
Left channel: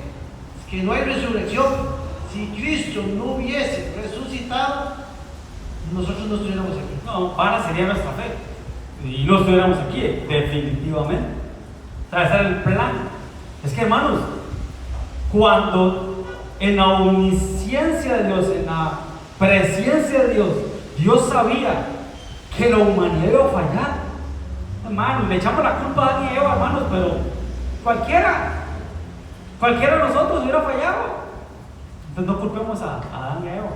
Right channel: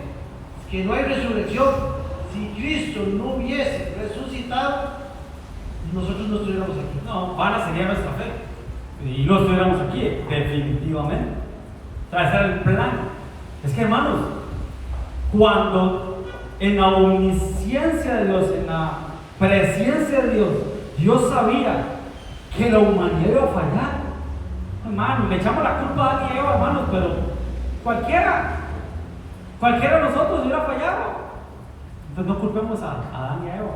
que no hay resurrección. Si Cristo no hubiese resucitado, nosotros no estuviéramos aquí. No, vana sería nuestra fe. Y no estuviéramos aquí, definitivamente. Ese era el plan. Es que, hermanos, cuando en la omnisciencia de Dios, en la presencia de Dios, Dios sabía que la humanidad iba a fallar. Hermanos, le echamos la culpa a Adán y Eva, hermanos, pero cualquiera de nosotros hubiera fallado. Entonces no culpemos a Adán y a Eva,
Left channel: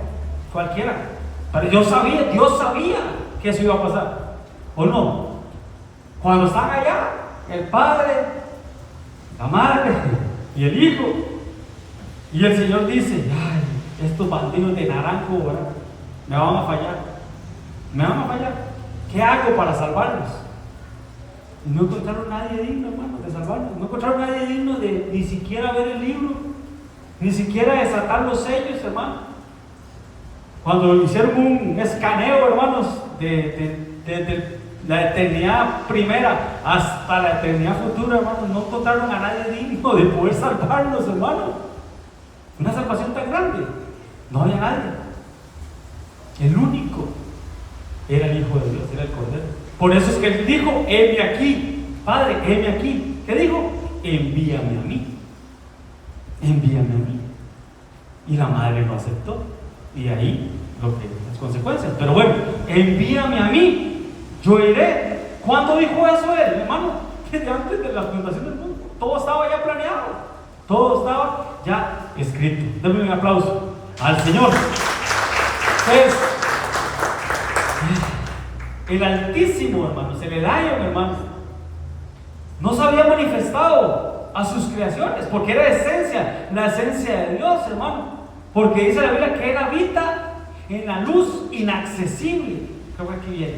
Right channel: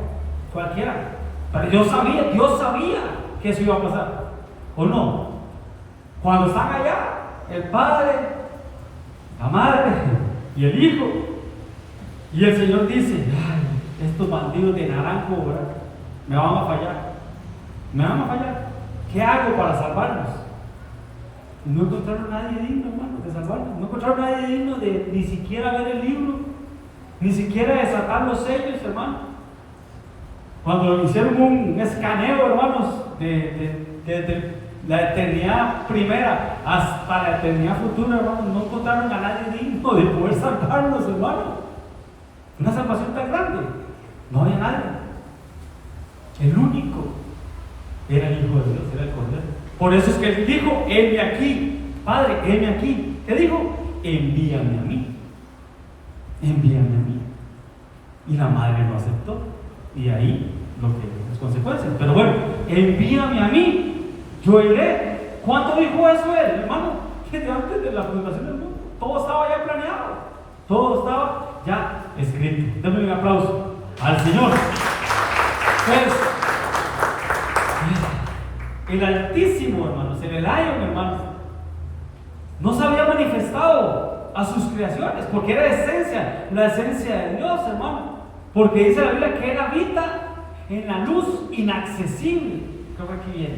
cualquiera. Pero Dios sabía que eso iba a pasar. ¿O no? Cuando están allá, el Padre, la Madre y el Hijo, y el Señor dice: ay, estos bandidos de naranjo, ¿verdad?, me van a fallar. ¿Qué hago para salvarlos? Y no encontraron a nadie digno, hermano, de salvarlos. No encontraron a nadie digno de ni siquiera ver el libro, ni siquiera desatar los sellos, hermano. Cuando hicieron un escaneo, hermanos, de la eternidad primera hasta la eternidad futura, hermanos, no encontraron a nadie digno de poder salvarlos, hermanos. Una salvación tan grande, no había nadie. El único era el Hijo de Dios, era el Cordero. Por eso es que él dijo: heme aquí, Padre, heme aquí. ¿Qué dijo? Envíame a mí. Y la madre lo aceptó. Y ahí lo que las consecuencias. Pero bueno, envíame a mí, yo iré. ¿Cuándo dijo eso él, hermano? Desde antes de la fundación del mundo. Todo estaba ya planeado, todo estaba ya escrito. Denme un aplauso al Señor. Pues, el Altísimo, hermanos, el Elion, hermanos, no se había manifestado a sus creaciones, porque era la esencia de Dios, hermano. Porque dice la Biblia que Él habita en la luz inaccesible. Creo que aquí viene.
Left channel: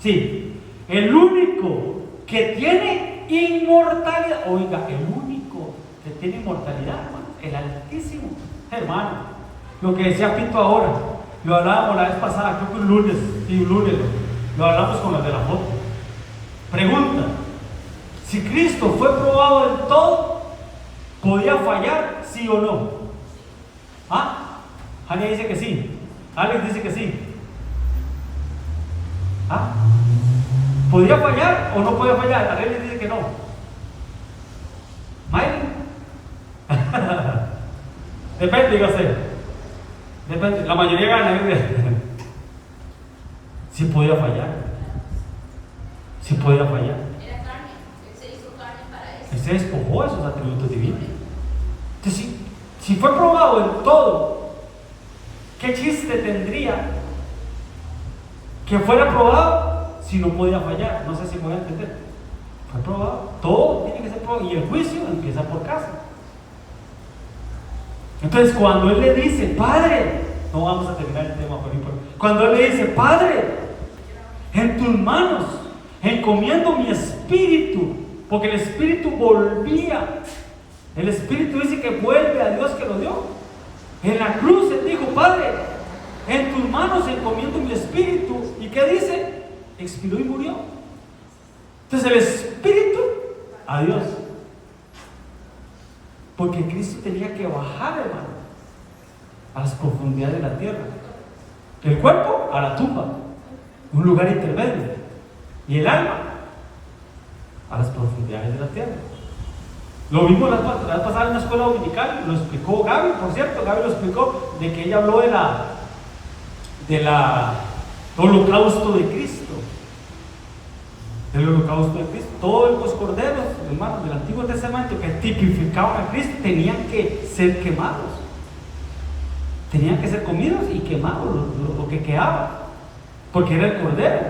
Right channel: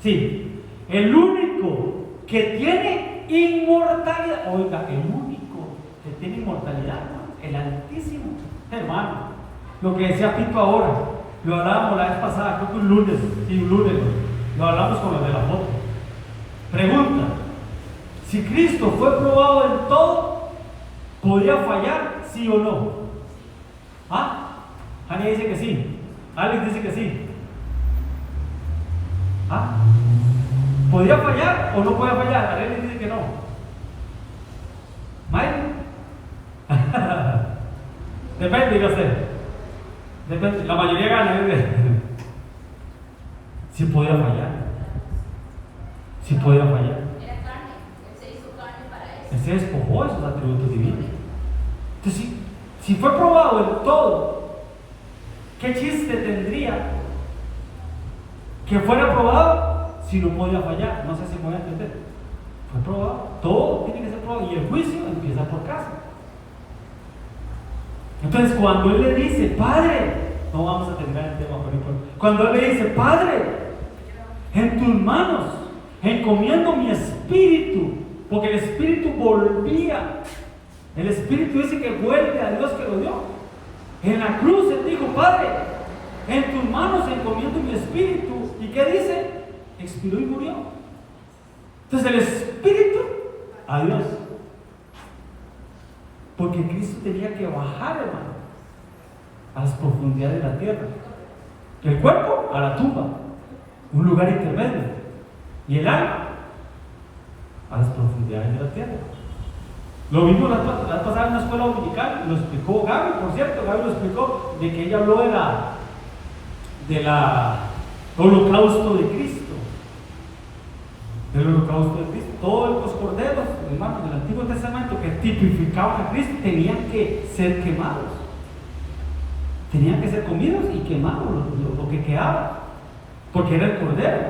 Sí, el único que tiene inmortalidad. Oiga, el único que tiene inmortalidad, hermano, el Altísimo, hermano. Lo que decía Pito ahora, lo hablábamos la vez pasada, creo que un lunes, lo hablamos con los de la foto. Pregunta: si Cristo fue probado del todo, ¿podía fallar, sí o no? ¿Ah? Jania dice que sí, Alex dice que sí. ¿Ah? ¿Podía fallar o no podía fallar? Alex dice que no. ¿Mike? Depende, iba a ser. Depende, la mayoría gana. Si podía fallar. Era carne, Él se hizo carne para eso. Él se despojó de sus atributos divinos. Entonces, si fue probado en todo, ¿qué chiste tendría que fuera probado si no podía fallar? No sé si me voy a entender. Fue probado. Todo tiene que ser probado. Y el juicio empieza por casa. Entonces, cuando Él le dice, Padre, no vamos a terminar el tema por ahí. Cuando Él le dice, Padre, en tus manos encomiendo mi espíritu, porque el espíritu volvía. El espíritu dice que vuelve a Dios que lo dio. En la cruz Él dijo, Padre, en tus manos encomiendo mi espíritu. ¿Y qué dice? Expiró y murió. Entonces el espíritu a Dios. Porque Cristo tenía que bajar, hermano, a las profundidades de la tierra. El cuerpo a la tumba, un lugar intermedio. Y el alma a las profundidades de la tierra. Lo mismo la vez pasada en la escuela dominical, lo explicó Gaby, por cierto. Gaby lo explicó, de que ella habló de la holocausto de Cristo. Del holocausto de Cristo. Todos los corderos, hermanos, del Antiguo Testamento que tipificaban a Cristo tenían que ser quemados. Tenían que ser comidos y quemados, lo que quedaba. Porque era el cordero.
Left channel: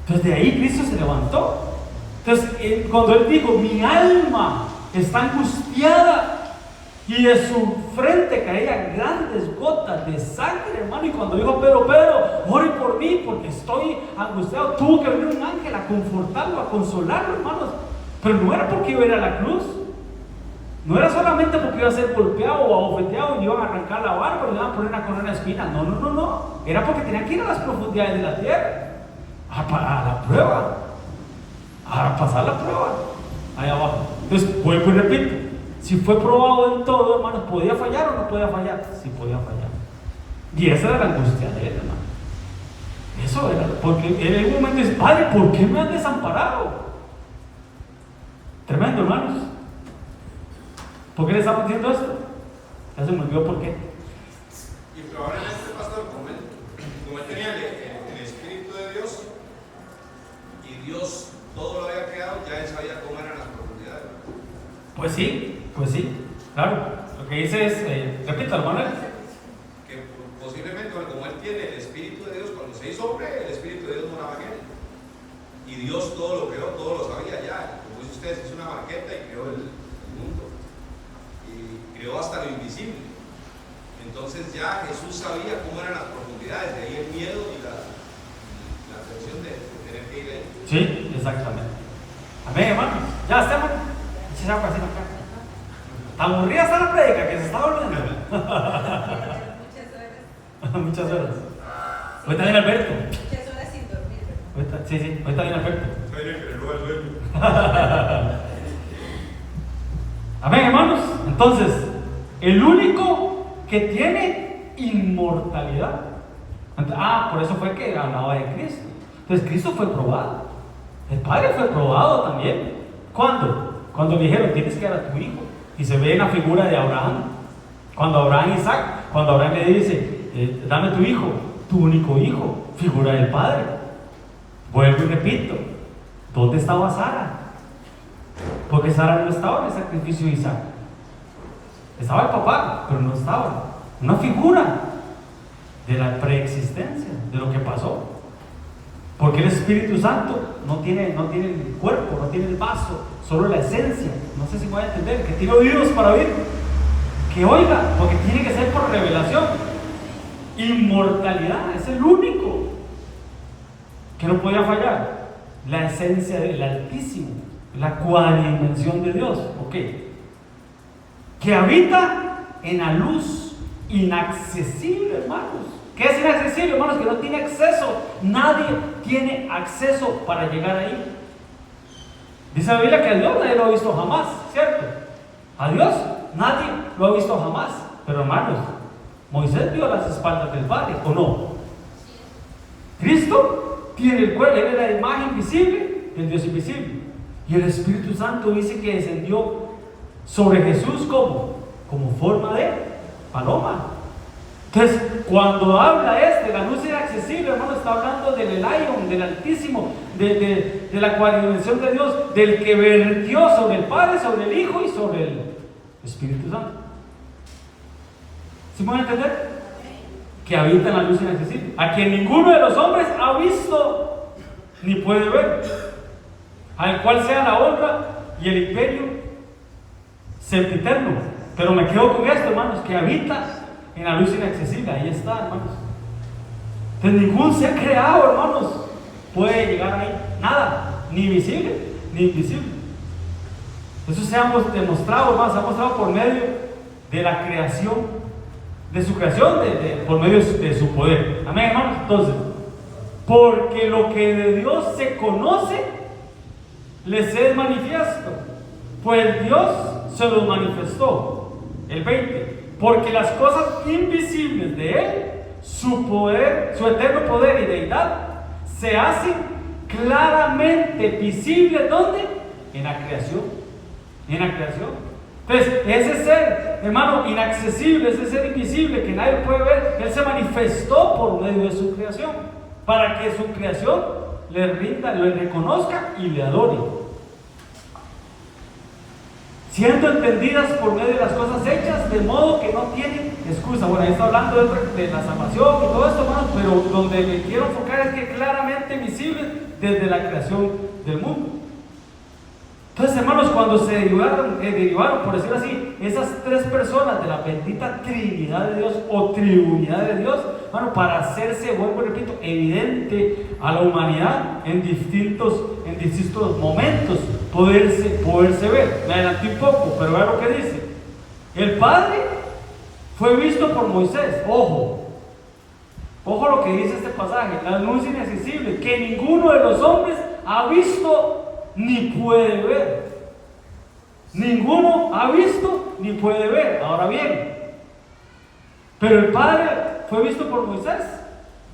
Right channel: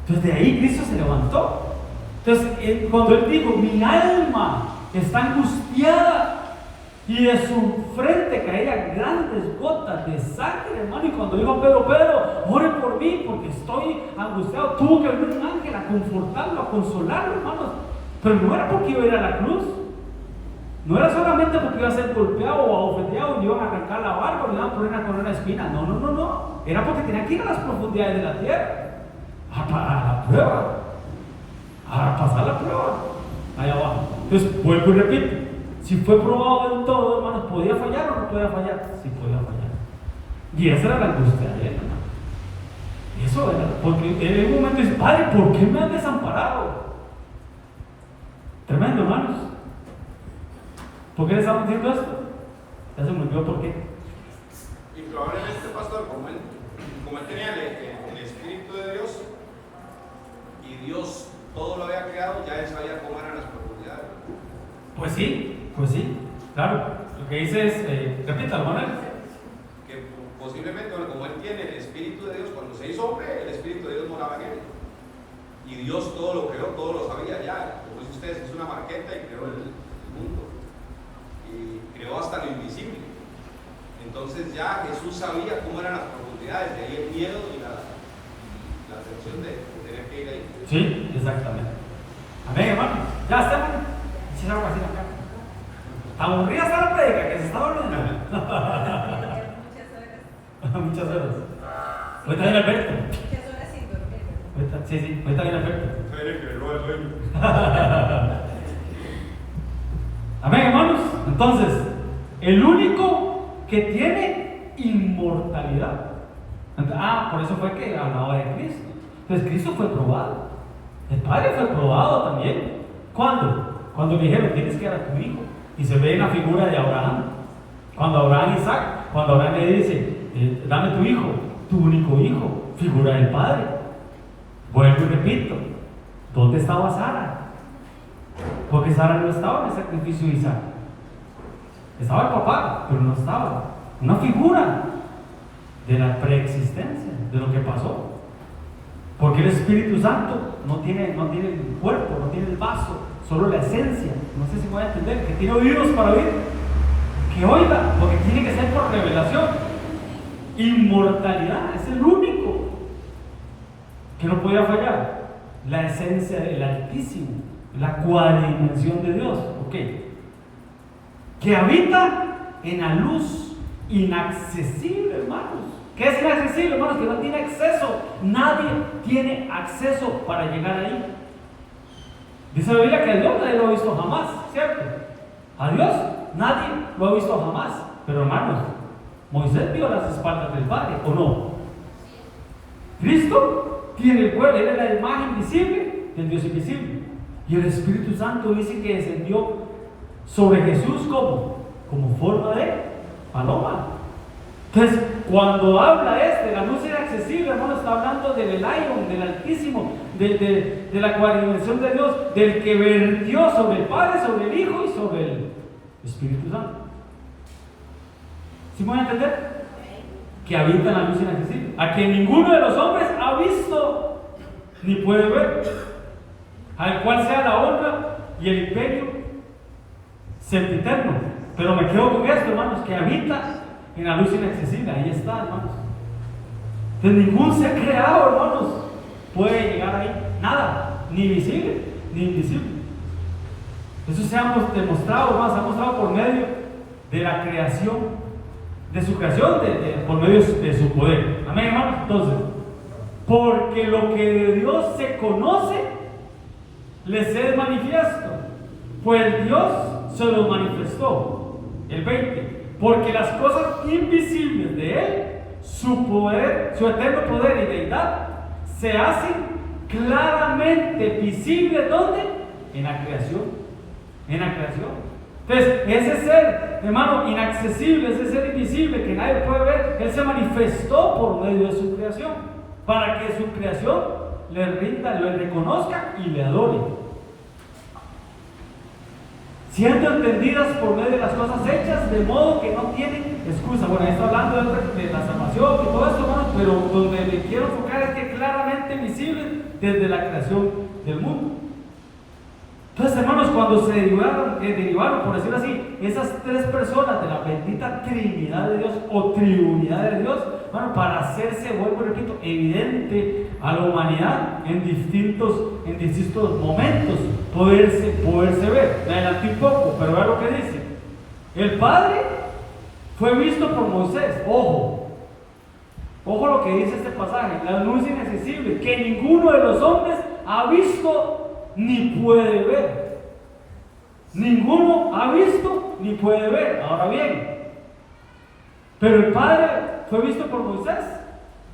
Entonces de ahí Cristo se levantó. Entonces cuando Él dijo, mi alma está angustiada, y de su frente caían grandes gotas de sangre, hermano. Y cuando dijo Pedro, ore por mí porque estoy angustiado, tuvo que venir un ángel a confortarlo, a consolarlo, hermanos. Pero no era porque iba a ir a la cruz, no era solamente porque iba a ser golpeado o abofeteado y le iban a arrancar la barba o le iban a poner una corona de espinas. No, era porque tenía que ir a las profundidades de la tierra, a la prueba, a pasar la prueba allá abajo. Entonces vuelvo y repito, si fue probado en todo, hermanos, ¿podía fallar o no podía fallar? Sí podía fallar. Y esa era la angustia de Él, hermano. Eso era, porque en un momento dice, Padre, ¿por qué me has desamparado? Tremendo, hermanos. ¿Por qué le estamos diciendo esto? Ya se me olvidó por qué. Y probablemente, pastor, como él tenía el Espíritu de Dios, y Dios todo lo había creado, ya él sabía cómo eran las profundidades. Pues sí, claro. Lo que dice es, repito, hermano. Que posiblemente, como él tiene el Espíritu de Dios, cuando se hizo hombre, el Espíritu de Dios moraba en él. Y Dios todo lo creó, todo lo sabía ya. Como dice usted, hizo una marqueta y creó el mundo. Y creó hasta lo invisible. Entonces ya Jesús sabía cómo eran las profundidades, de ahí el miedo y la tensión de tener que ir ahí. Sí, exactamente. Amén, hermano. Ya estamos. Si se acá. Aburrida está la predica que se está volviendo. Muchas horas. Ahorita viene Alberto. Muchas horas sin dormir. Sí, ahorita viene Alberto. Amén, hermanos. Entonces, el único que tiene inmortalidad. Por eso fue que hablaba de Cristo. Entonces, Cristo fue probado. El Padre fue probado también. ¿Cuándo? Cuando le dijeron, tienes que dar a tu hijo. Y se ve en la figura de Abraham. Cuando Abraham le dice, dame tu hijo, tu único hijo, figura del Padre. Vuelvo y repito, ¿dónde estaba Sara? Porque Sara no estaba en el sacrificio de Isaac. Estaba el papá, pero no estaba. Una figura de la preexistencia, de lo que pasó. Porque el Espíritu Santo no tiene el cuerpo, no tiene el vaso, solo la esencia. No sé si me voy a entender, que tiene oídos para oír, que oiga, porque tiene que ser por revelación. Inmortalidad, es el único que no podía fallar. La esencia del Altísimo, la cuadridimensión de Dios, ¿ok? Que habita en la luz inaccesible, hermanos. ¿Qué es inaccesible, hermanos? Que no tiene acceso. Nadie tiene acceso para llegar ahí. Dice la Biblia que a Dios nadie lo ha visto jamás, ¿cierto? A Dios nadie lo ha visto jamás. Pero hermanos, Moisés vio las espaldas del Padre, ¿o no? Cristo tiene el cuerpo, él es la imagen visible del Dios invisible. Y el Espíritu Santo dice que descendió sobre Jesús como forma de paloma. Entonces, cuando habla la luz inaccesible, hermano, está hablando del Elion, del Altísimo, de la cuadradimensión de Dios, del que vertió sobre el Padre, sobre el Hijo y sobre el Espíritu Santo. ¿Sí me van a entender? Que habita en la luz inaccesible, a quien ninguno de los hombres ha visto ni puede ver, al cual sea la honra y el imperio sempiterno. Pero me quedo con esto, hermanos, que habita en la luz inaccesible. Ahí está, hermanos. Entonces ningún ser creado, hermanos, puede llegar ahí. Nada, ni visible ni invisible. Eso se ha demostrado, hermanos, se ha mostrado por medio de la creación, de su creación, por medio de su poder. Amén, hermanos. Entonces, porque lo que de Dios se conoce les es manifiesto, pues Dios se los manifestó. El 20, porque las cosas invisibles de Él, su poder, su eterno poder y deidad, se hacen claramente visibles. ¿Dónde? En la creación. En la creación. Entonces, ese ser, hermano, inaccesible, ese ser invisible que nadie puede ver, Él se manifestó por medio de su creación, para que su creación le rinda, le reconozca y le adore, siendo entendidas por medio de las cosas hechas, de modo que no tienen excusa. Bueno, ahí está hablando de la salvación y todo esto, hermano, pero donde le quiero enfocar es que claramente visible desde la creación del mundo. Entonces, hermanos, cuando se derivaron, por decirlo así, esas tres personas de la bendita Trinidad de Dios o Triunidad de Dios, bueno, para hacerse, vuelvo y repito, evidente a la humanidad en distintos momentos, poderse ver. Me adelanté un poco, pero vean lo que dice. El Padre fue visto por Moisés. Ojo lo que dice este pasaje, la luz inaccesible, que ninguno de los hombres ha visto ni puede ver. Ninguno ha visto ni puede ver. Ahora bien, pero el Padre fue visto por Moisés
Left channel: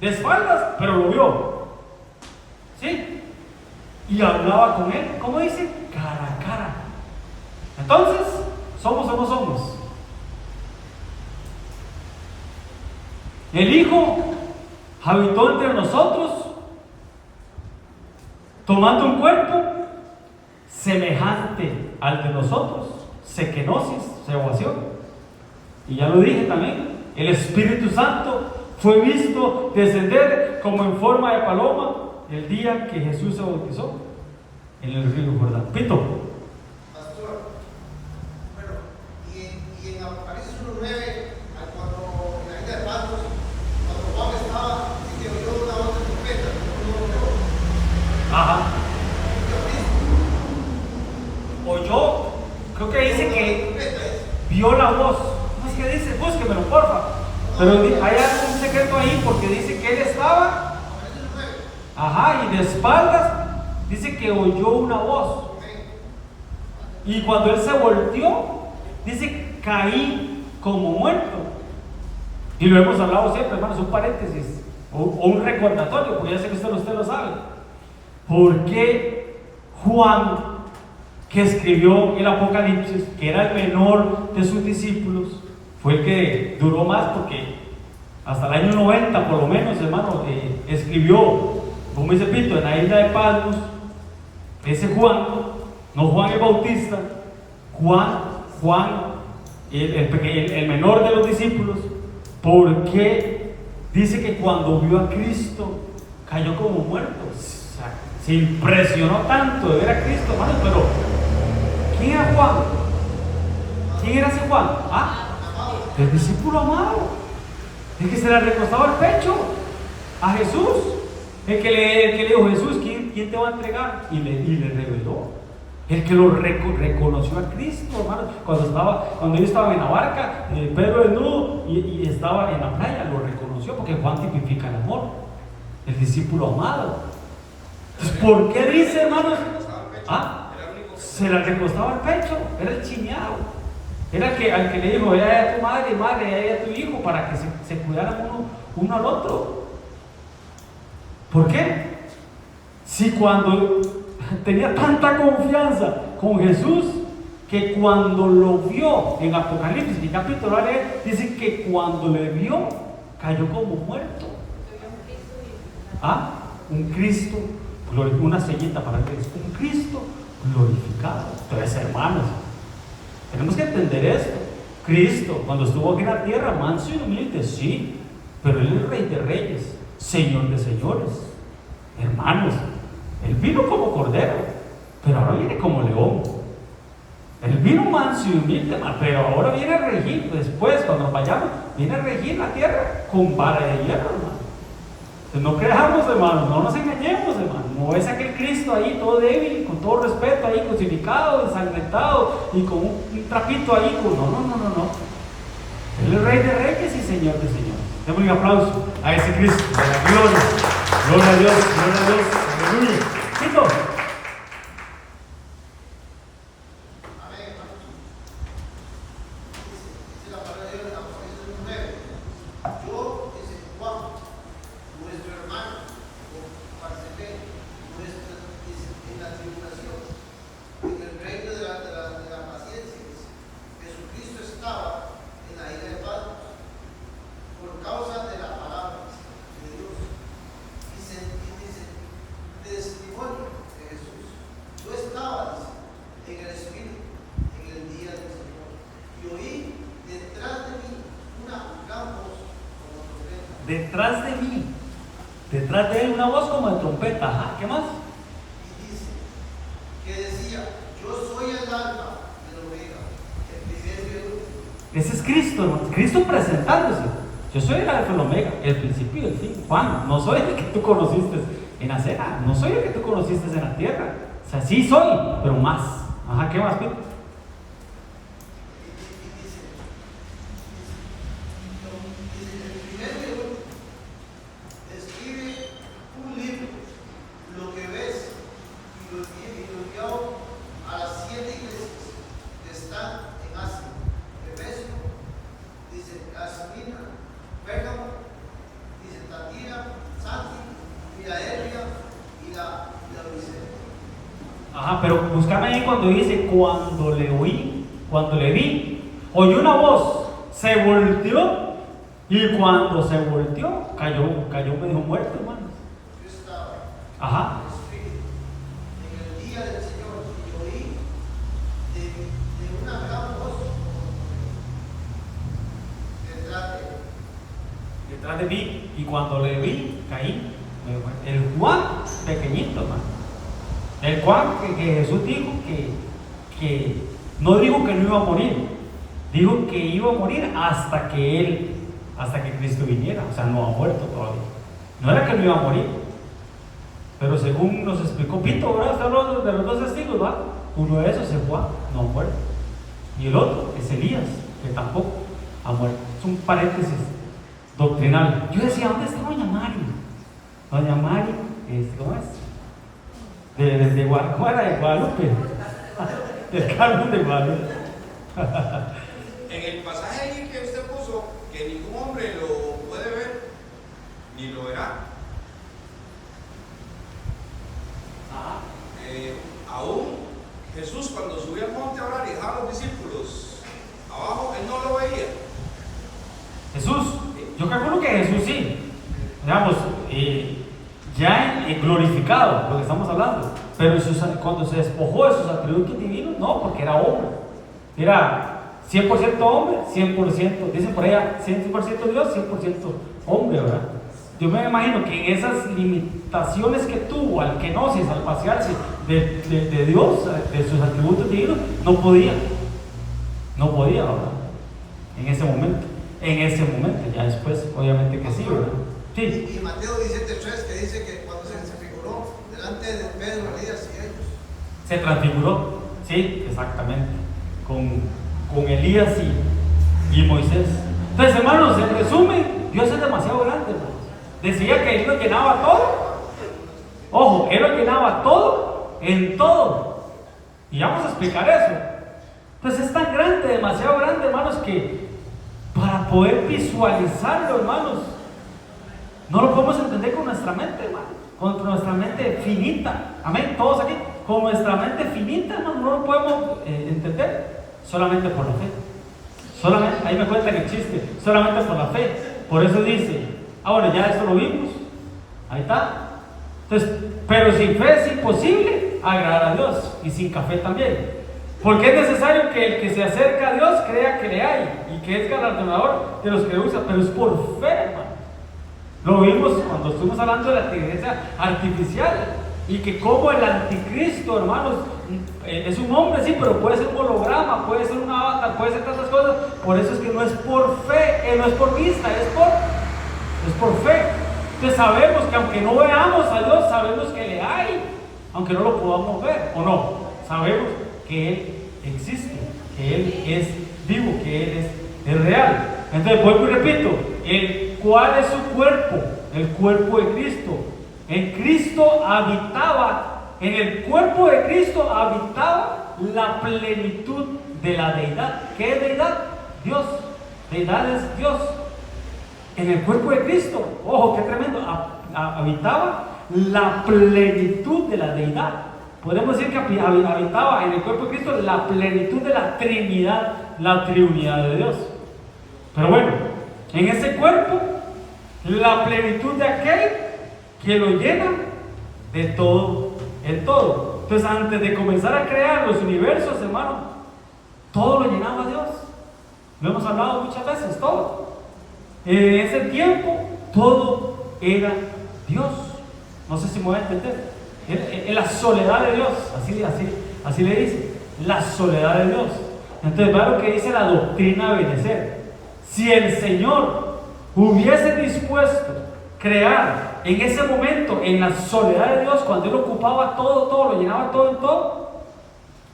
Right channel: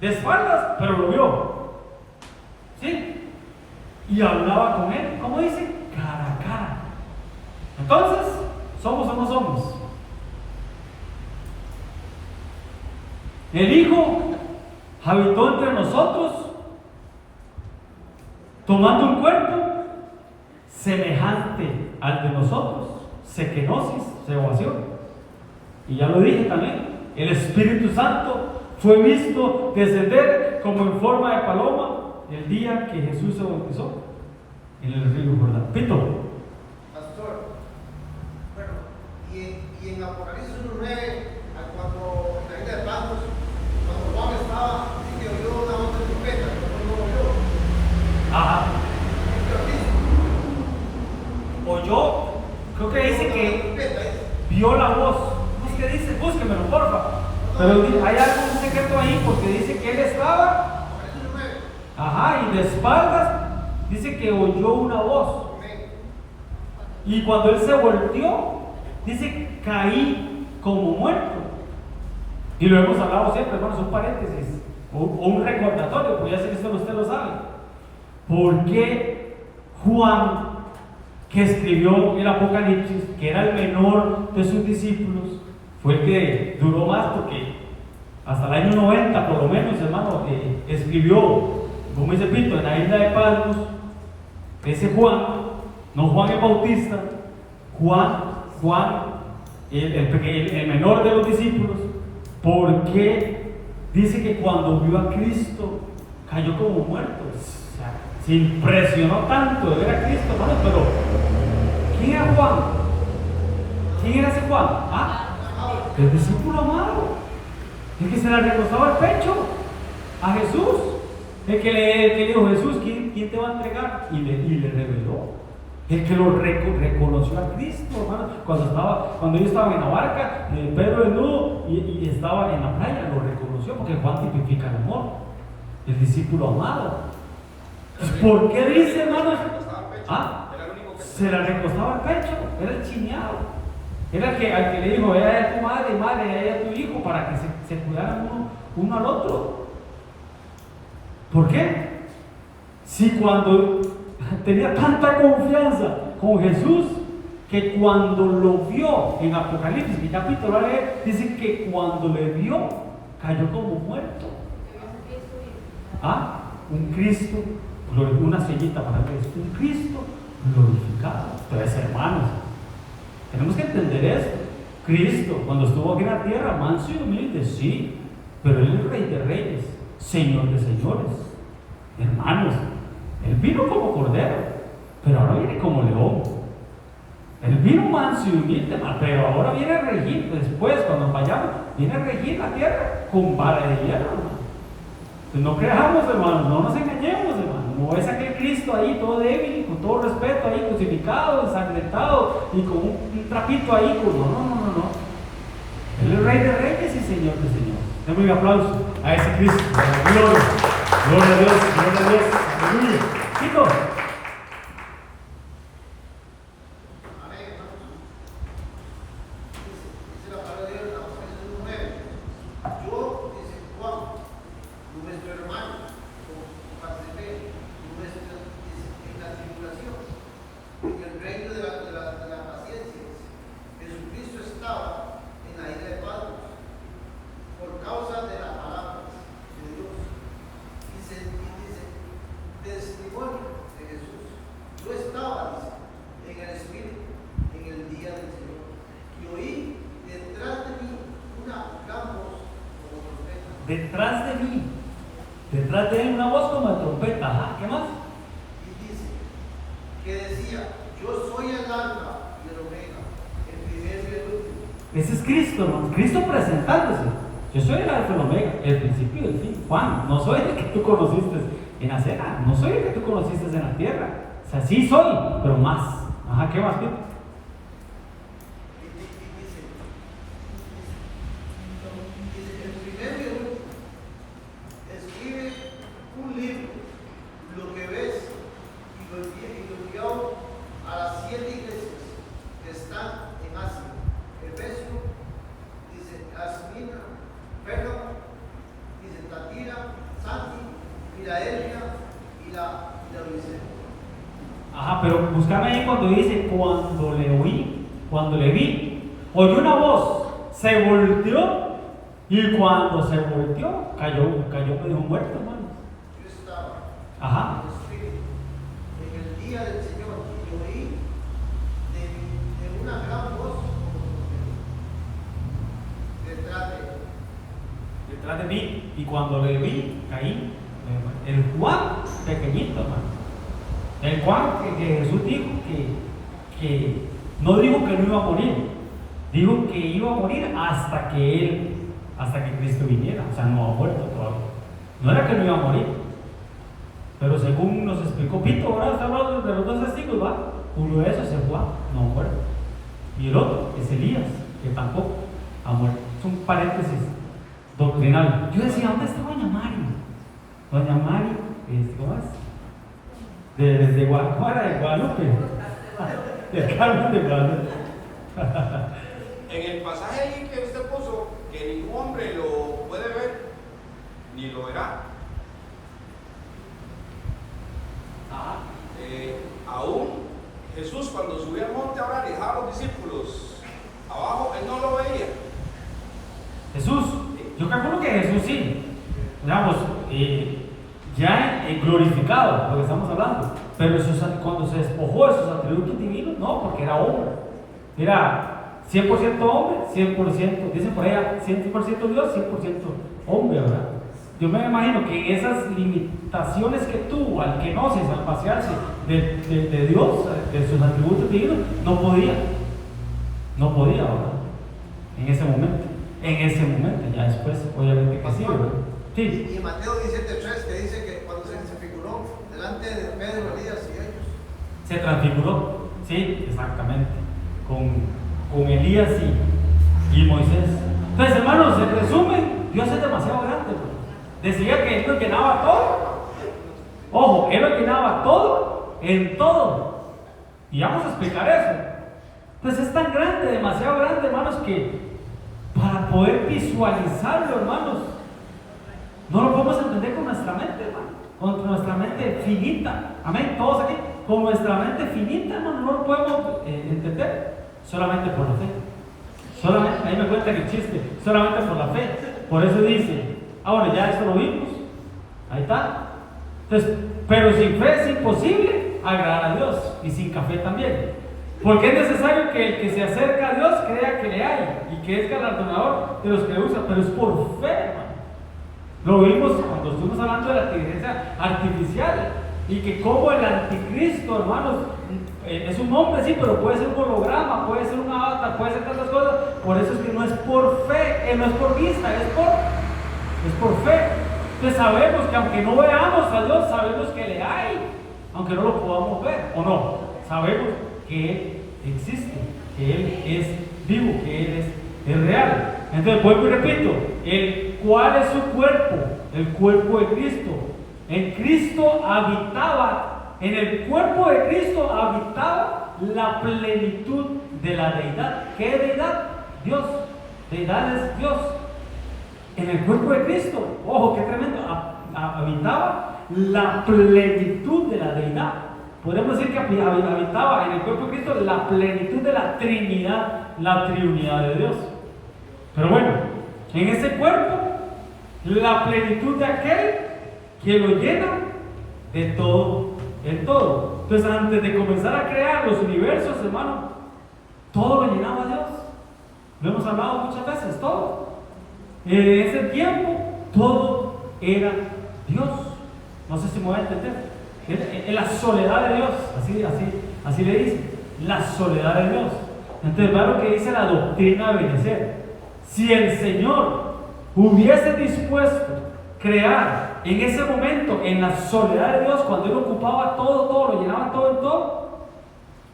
de espaldas, pero lo vio, ¿sí? Y hablaba con él, ¿cómo dice? Cara a cara. Entonces, ¿somos o no somos? El Hijo habitó entre nosotros, tomando un cuerpo semejante al de nosotros, sekenosis, seovación. Y ya lo dije también, el Espíritu Santo fue visto descender como en forma de paloma el día que Jesús se bautizó en el río Jordán. Pito. Pastor, bueno, y en Apocalipsis 1:9, cuando en la isla de Patmos, cuando Juan estaba, dice que oyó una voz de trompeta, no lo oyó. Ajá. Oyó, creo que dice que vio la voz. ¿Cómo es que dice? Búsquemelo, porfa. Pero hay algún secreto ahí porque dice que él estaba. Ajá, y de espaldas dice que oyó una voz. Y cuando él se volteó, dice que caí como muerto. Y lo hemos hablado siempre, hermanos, un paréntesis o un recordatorio, pues ya sé que usted lo sabe. ¿Por qué Juan, que escribió el Apocalipsis, que era el menor de sus discípulos, fue el que duró más? Porque hasta el año 90 por lo menos, hermano, escribió, como dice Pito, en la isla de Patmos, ese Juan, no Juan el Bautista, Juan el menor de los discípulos, porque dice que cuando vio a Cristo cayó como muerto. O sea, se impresionó tanto de ver a Cristo, hermano. Pero ¿quién era Juan? ¿Quién era ese Juan? El discípulo amado, el que se le recostaba el pecho a Jesús, el que le dijo: Jesús, ¿quién te va a entregar? Y le reveló. El que lo reconoció a Cristo, hermano. Cuando él estaba en la barca, Pedro desnudo y estaba en la playa, lo reconoció, porque Juan tipifica el amor, el discípulo amado. Entonces, ¿por qué dice, hermanos? Se le recostaba el pecho, era el chineado. Era el que, al que le dijo: ve a tu madre, ve a tu hijo, para que se cuidaran uno al otro. ¿Por qué? Si cuando tenía tanta confianza con Jesús, que cuando lo vio en Apocalipsis, mi capítulo, dice que cuando le vio, cayó como muerto. ¿Ah? Un Cristo, una sellita para Cristo, un Cristo glorificado. Entonces, hermanos, tenemos que entender esto. Cristo, cuando estuvo aquí en la tierra, manso y humilde, sí, pero Él es Rey de Reyes, Señor de Señores. Hermanos, Él vino como cordero, pero ahora viene como león. Él vino manso y humilde, pero ahora viene a regir. Después, cuando vayamos, viene a regir la tierra con vara de hierro, hermano. Entonces, no creamos, hermanos, no nos engañemos, hermanos. No es aquel Cristo ahí todo débil, con todo respeto, ahí crucificado, ensangrentado y con un trapito ahí. No. Él es Rey de Reyes y Señor de Señores. Démosle un aplauso a ese Cristo, a la gloria. Gloria a Dios, gloria a Dios. Aleluya. Chicos. Detrás de él una voz como de trompeta. Ajá, ¿qué más? Y dice, que decía, yo soy el alfa y el omega, el primero y el último. Ese es Cristo, hermano. Cristo presentándose. Yo soy el alfa y el omega, el principio y el fin. Juan, no soy el que tú conociste en la cena, no soy el que tú conociste en la tierra. O sea, sí soy, pero más. Ajá, ¿qué más, Pito? Cuando le vi, oyó una voz, se volteó, y cuando se volteó, cayó medio muerto, hermano. Yo estaba Ajá. en el día del Señor y oí de una gran voz detrás de mí, y cuando le vi, caí. El Juan pequeñito, hermano. El Juan que Jesús dijo que no dijo que no iba a morir, dijo que iba a morir hasta que Cristo viniera. O sea, no ha muerto todavía. No era que no iba a morir, pero según nos explicó Pito, ahora estamos de los dos testigos, ¿va? Uno de esos es Juan, no ha muerto, y el otro es Elías, que tampoco ha muerto. Es un paréntesis doctrinal. Yo decía, ¿dónde está Doña Mari? Doña Mari, ¿cómo es? De Guadalupe. El Carmen de Guadalupe. En el pasaje ahí que usted puso, que ningún hombre lo puede ver ni lo verá. Aún Jesús, cuando subió al monte a orar y dejaba a los discípulos abajo, él no lo veía. Jesús, yo calculo que Jesús sí, digamos, ya glorificado, lo que estamos hablando. Pero cuando se despojó de sus atributos divinos, no, porque era hombre. Era 100% hombre, 100%, dice por allá, 100% Dios, 100% hombre, ¿verdad? Yo me imagino que esas limitaciones que tuvo al kenosis, al vaciarse de Dios, de sus atributos divinos, no podía, ¿verdad? En ese momento, ya después, obviamente que sí, ¿verdad? Sí. Y Mateo 17:3, que dice que cuando se figuró delante de Pedro, Elías y ellos, se transfiguró, sí, exactamente, con Elías y Moisés. Entonces, hermanos, en resumen, Dios es demasiado grande, hermanos. Decía que Él lo llenaba todo. Ojo, Él lo llenaba todo en todo. Y vamos a explicar eso. Pues es tan grande, demasiado grande, hermanos, que para poder visualizarlo, hermanos, no lo podemos entender con nuestra mente, hermano, con nuestra mente finita. Amén, todos aquí. con nuestra mente finita, no lo podemos entender solamente por la fe. Solamente, ahí me cuentan el chiste, solamente por la fe. Por eso dice, ahora ya esto lo vimos, ahí está. Entonces, pero sin fe es imposible agradar a Dios, y sin café también. Porque es necesario que el que se acerca a Dios crea que le hay y que es galardonador de los que le usan, pero es por fe, hermano. Lo vimos cuando estuvimos hablando de la inteligencia artificial y que como el anticristo, hermanos, es un hombre, sí, pero puede ser un holograma, puede ser un avatar, puede ser tantas cosas. Por eso es que no es por fe, no es por vista, es por fe. Entonces sabemos que aunque no veamos a Dios, sabemos que le hay, aunque no lo podamos ver, ¿o no? Sabemos que Él existe, que Él es vivo, que Él es real. Entonces vuelvo y repito, ¿cuál es su cuerpo? El cuerpo de Cristo. En Cristo habitaba, en el cuerpo de Cristo habitaba la plenitud de la deidad. ¿Qué deidad? Dios. Deidad es Dios. En el cuerpo de Cristo, ojo, qué tremendo, habitaba la plenitud de la deidad. Podemos decir que habitaba en el cuerpo de Cristo la plenitud de la Trinidad, la triunidad de Dios. Pero bueno, en ese cuerpo, la plenitud de aquel que lo llena de todo en todo. Entonces, antes de comenzar a crear los universos, hermano, todo lo llenaba Dios. Lo hemos hablado muchas veces, todo. En ese tiempo, todo era Dios. No sé si me voy a entender. En la soledad de Dios, así le dice, la soledad de Dios. Entonces, va lo que dice la doctrina de Benecer. Si el Señor hubiese dispuesto crear en ese momento, en la soledad de Dios, cuando Él ocupaba todo, lo llenaba todo en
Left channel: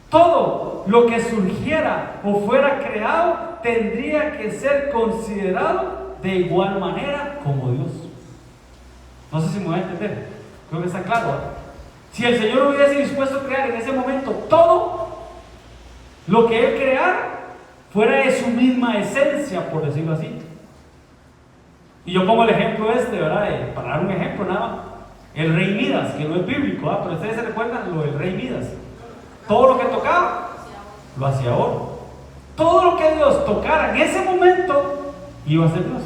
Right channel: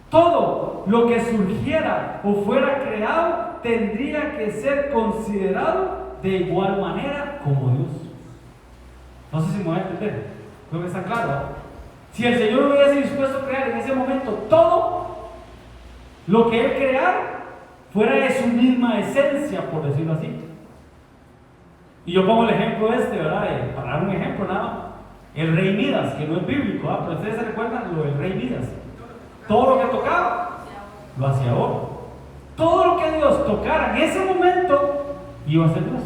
todo lo que surgiera o fuera creado tendría que ser considerado de igual manera como Dios. No sé si me voy a entender, creo que está claro. Si el Señor hubiese dispuesto a crear en ese momento todo lo que Él creara, fuera de su misma esencia, por decirlo así. Y yo pongo el ejemplo ¿verdad? Para dar un ejemplo nada más. El rey Midas, que no es bíblico, ¿verdad? Pero ustedes se recuerdan lo del rey Midas. Todo lo que tocaba, lo hacía oro. Todo lo que Dios tocara en ese momento, iba a ser Dios.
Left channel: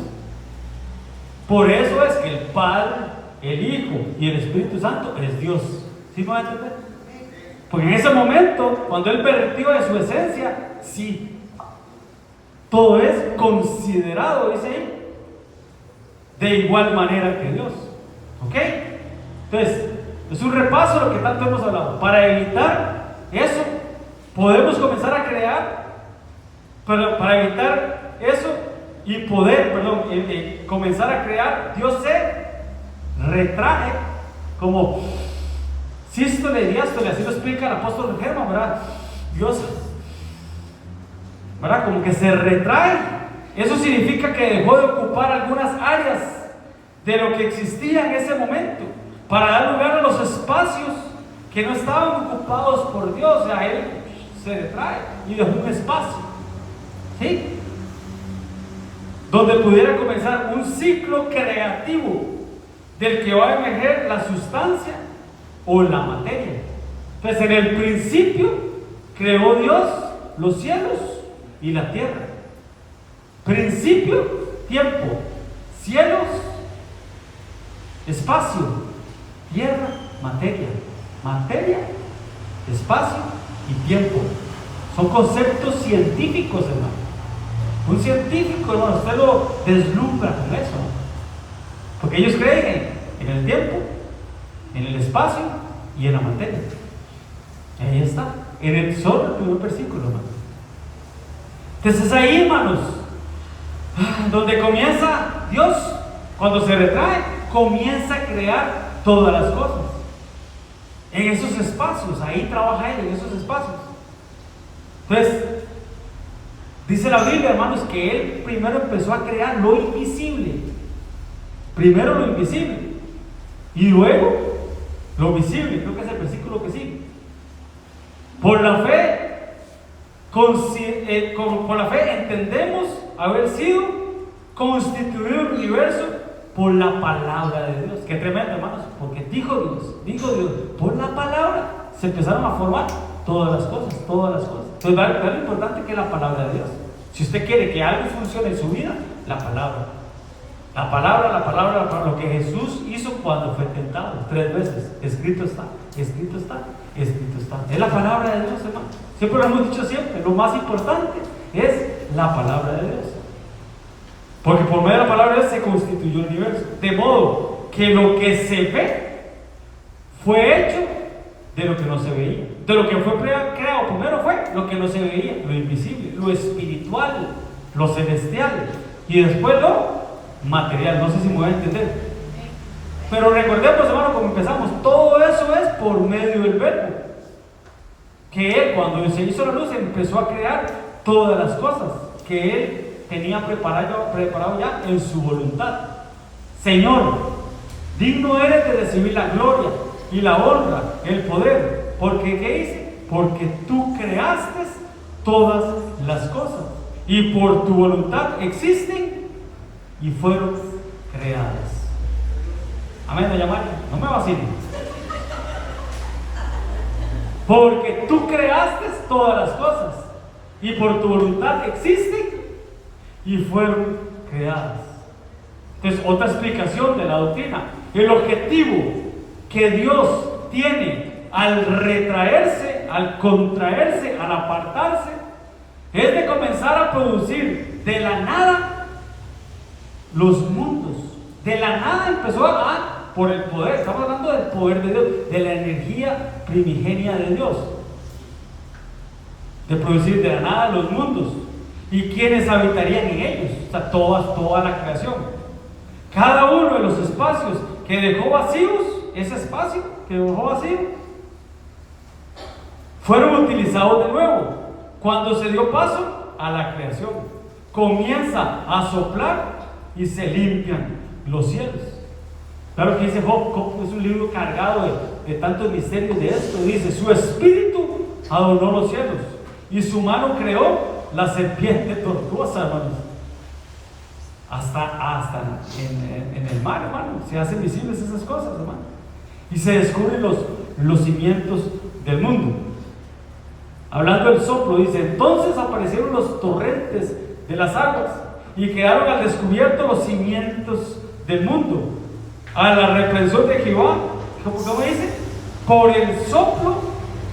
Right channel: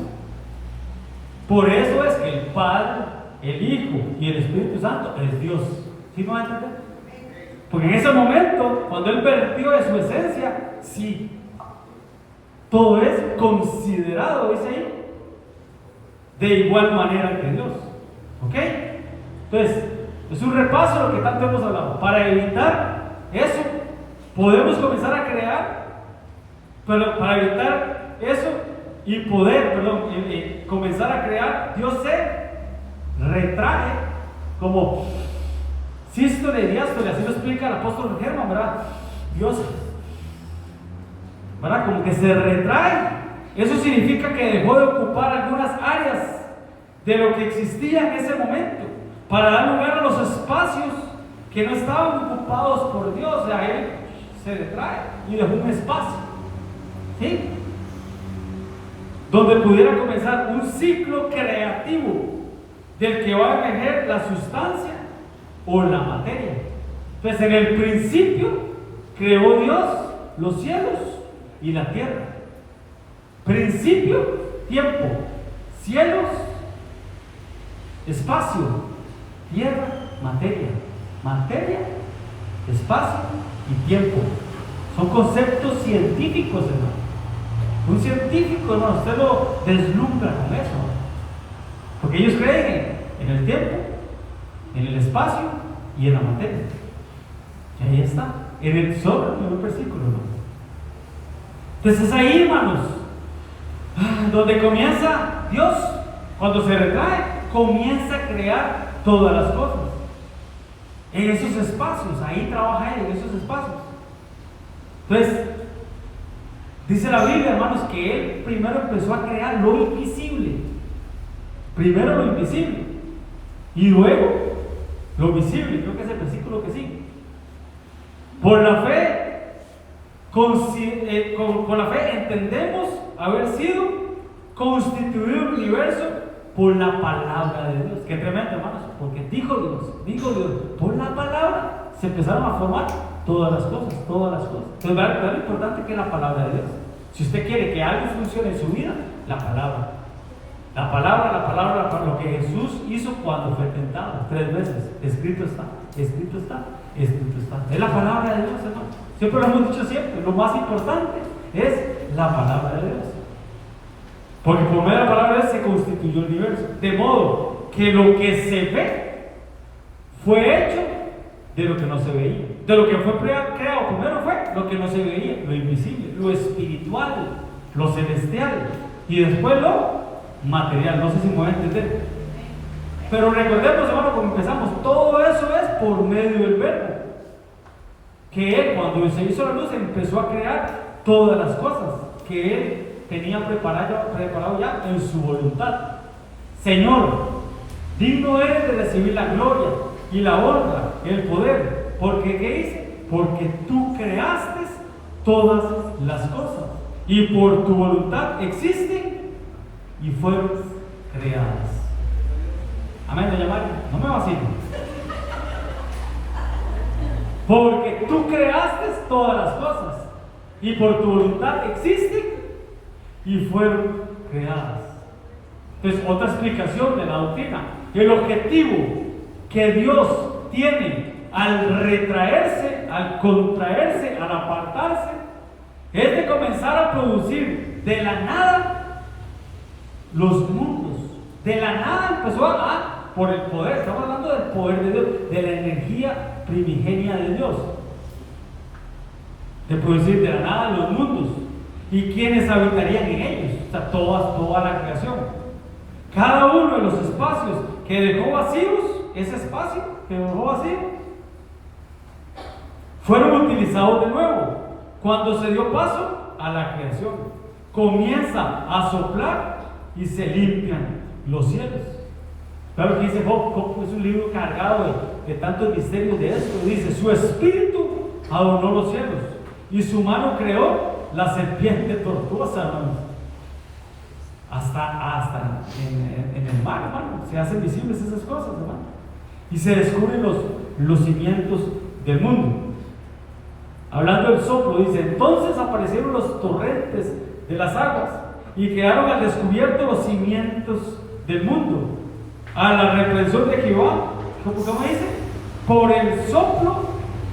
Por eso es que el Padre, el Hijo y el Espíritu Santo es Dios. ¿Sí me van a entender? Porque en ese momento, cuando Él vertió de su esencia, sí. Todo es considerado, dice ahí, de igual manera que Dios. ¿Ok? Entonces, es un repaso de lo que tanto hemos hablado. Para evitar eso, podemos comenzar a crear, para evitar eso y poder, comenzar a crear, Dios se retrae como sístole, diástole, así lo explica el apóstol Germán, ¿verdad? Dios, ¿verdad? Como que se retrae. Eso significa que dejó de ocupar algunas áreas de lo que existía en ese momento para dar lugar a los espacios que no estaban ocupados por Dios. O sea, Él se retrae y dejó un espacio, ¿sí? Donde pudiera comenzar un ciclo creativo del que va a emerger la sustancia o la materia. Entonces, en el principio creó Dios los cielos y la tierra. Principio, tiempo, cielos, espacio, tierra, materia. Materia, espacio y tiempo. Son conceptos científicos, hermano. Un científico, hermano, usted lo deslumbra con eso, ¿no? Porque ellos creen en el tiempo, en el espacio y en la materia. Ahí está, en el solo primer versículo, hermano. Entonces ahí, hermanos, donde comienza Dios, cuando se retrae, comienza a crear todas las cosas. En esos espacios, ahí trabaja Él, en esos espacios. Entonces, dice la Biblia, hermanos, que Él primero empezó a crear lo invisible. Primero lo invisible y luego lo visible. Creo que es el versículo que sigue. Por la fe, con la fe entendemos haber sido constituido el universo por la palabra de Dios. Qué tremendo, hermanos, porque dijo Dios, por la palabra se empezaron a formar todas las cosas, todas las cosas. Entonces, vean lo importante que es la palabra de Dios. Si usted quiere que algo funcione en su vida, la palabra. La palabra, lo que Jesús hizo cuando fue tentado 3 veces. Escrito está, escrito está, escrito está. Es la palabra de Dios, hermano. Siempre lo hemos dicho siempre. Lo más importante es la palabra de Dios. Porque por medio de la palabra de Dios se constituyó el universo. De modo que lo que se ve fue hecho de lo que no se veía. De lo que fue creado primero fue lo que no se veía, lo invisible, lo espiritual, lo celestial. Y después lo material. No sé si me voy a entender. Pero recordemos, hermano, como empezamos, todo eso es por medio del verbo. Que Él, cuando se hizo la luz, empezó a crear todas las cosas que Él tenía preparado ya en su voluntad. Señor, digno eres de recibir la gloria y la honra, el poder. Porque ¿qué dice? Porque tú creaste todas las cosas y por tu voluntad existen y fueron creadas. Amén, doña María, no me vacilen. Porque tú creaste todas las cosas y por tu voluntad existen y fueron creadas. Entonces, otra explicación de la doctrina. El objetivo que Dios tiene al retraerse, al contraerse, al apartarse, es de comenzar a producir de la nada los mundos. De la nada empezó por el poder, estamos hablando del poder de Dios, de la energía primigenia de Dios, de producir de la nada los mundos. ¿Y quiénes habitarían en ellos? O sea, toda la creación. Cada uno de los espacios que dejó vacíos, ese espacio que dejó vacío, fueron utilizados de nuevo. Cuando se dio paso a la creación, comienza a soplar y se limpian los cielos. Claro que dice Job es un libro cargado de tantos misterios de esto. Dice, su espíritu adornó los cielos y su mano creó la serpiente tortuosa, hermanos. Hasta en el mar, hermano, se hacen visibles esas cosas, hermano. Y se descubren los cimientos del mundo. Hablando del soplo, dice, entonces aparecieron los torrentes de las aguas y quedaron al descubierto los cimientos del mundo. A la reprensión de Jehová, ¿cómo dice? Por el soplo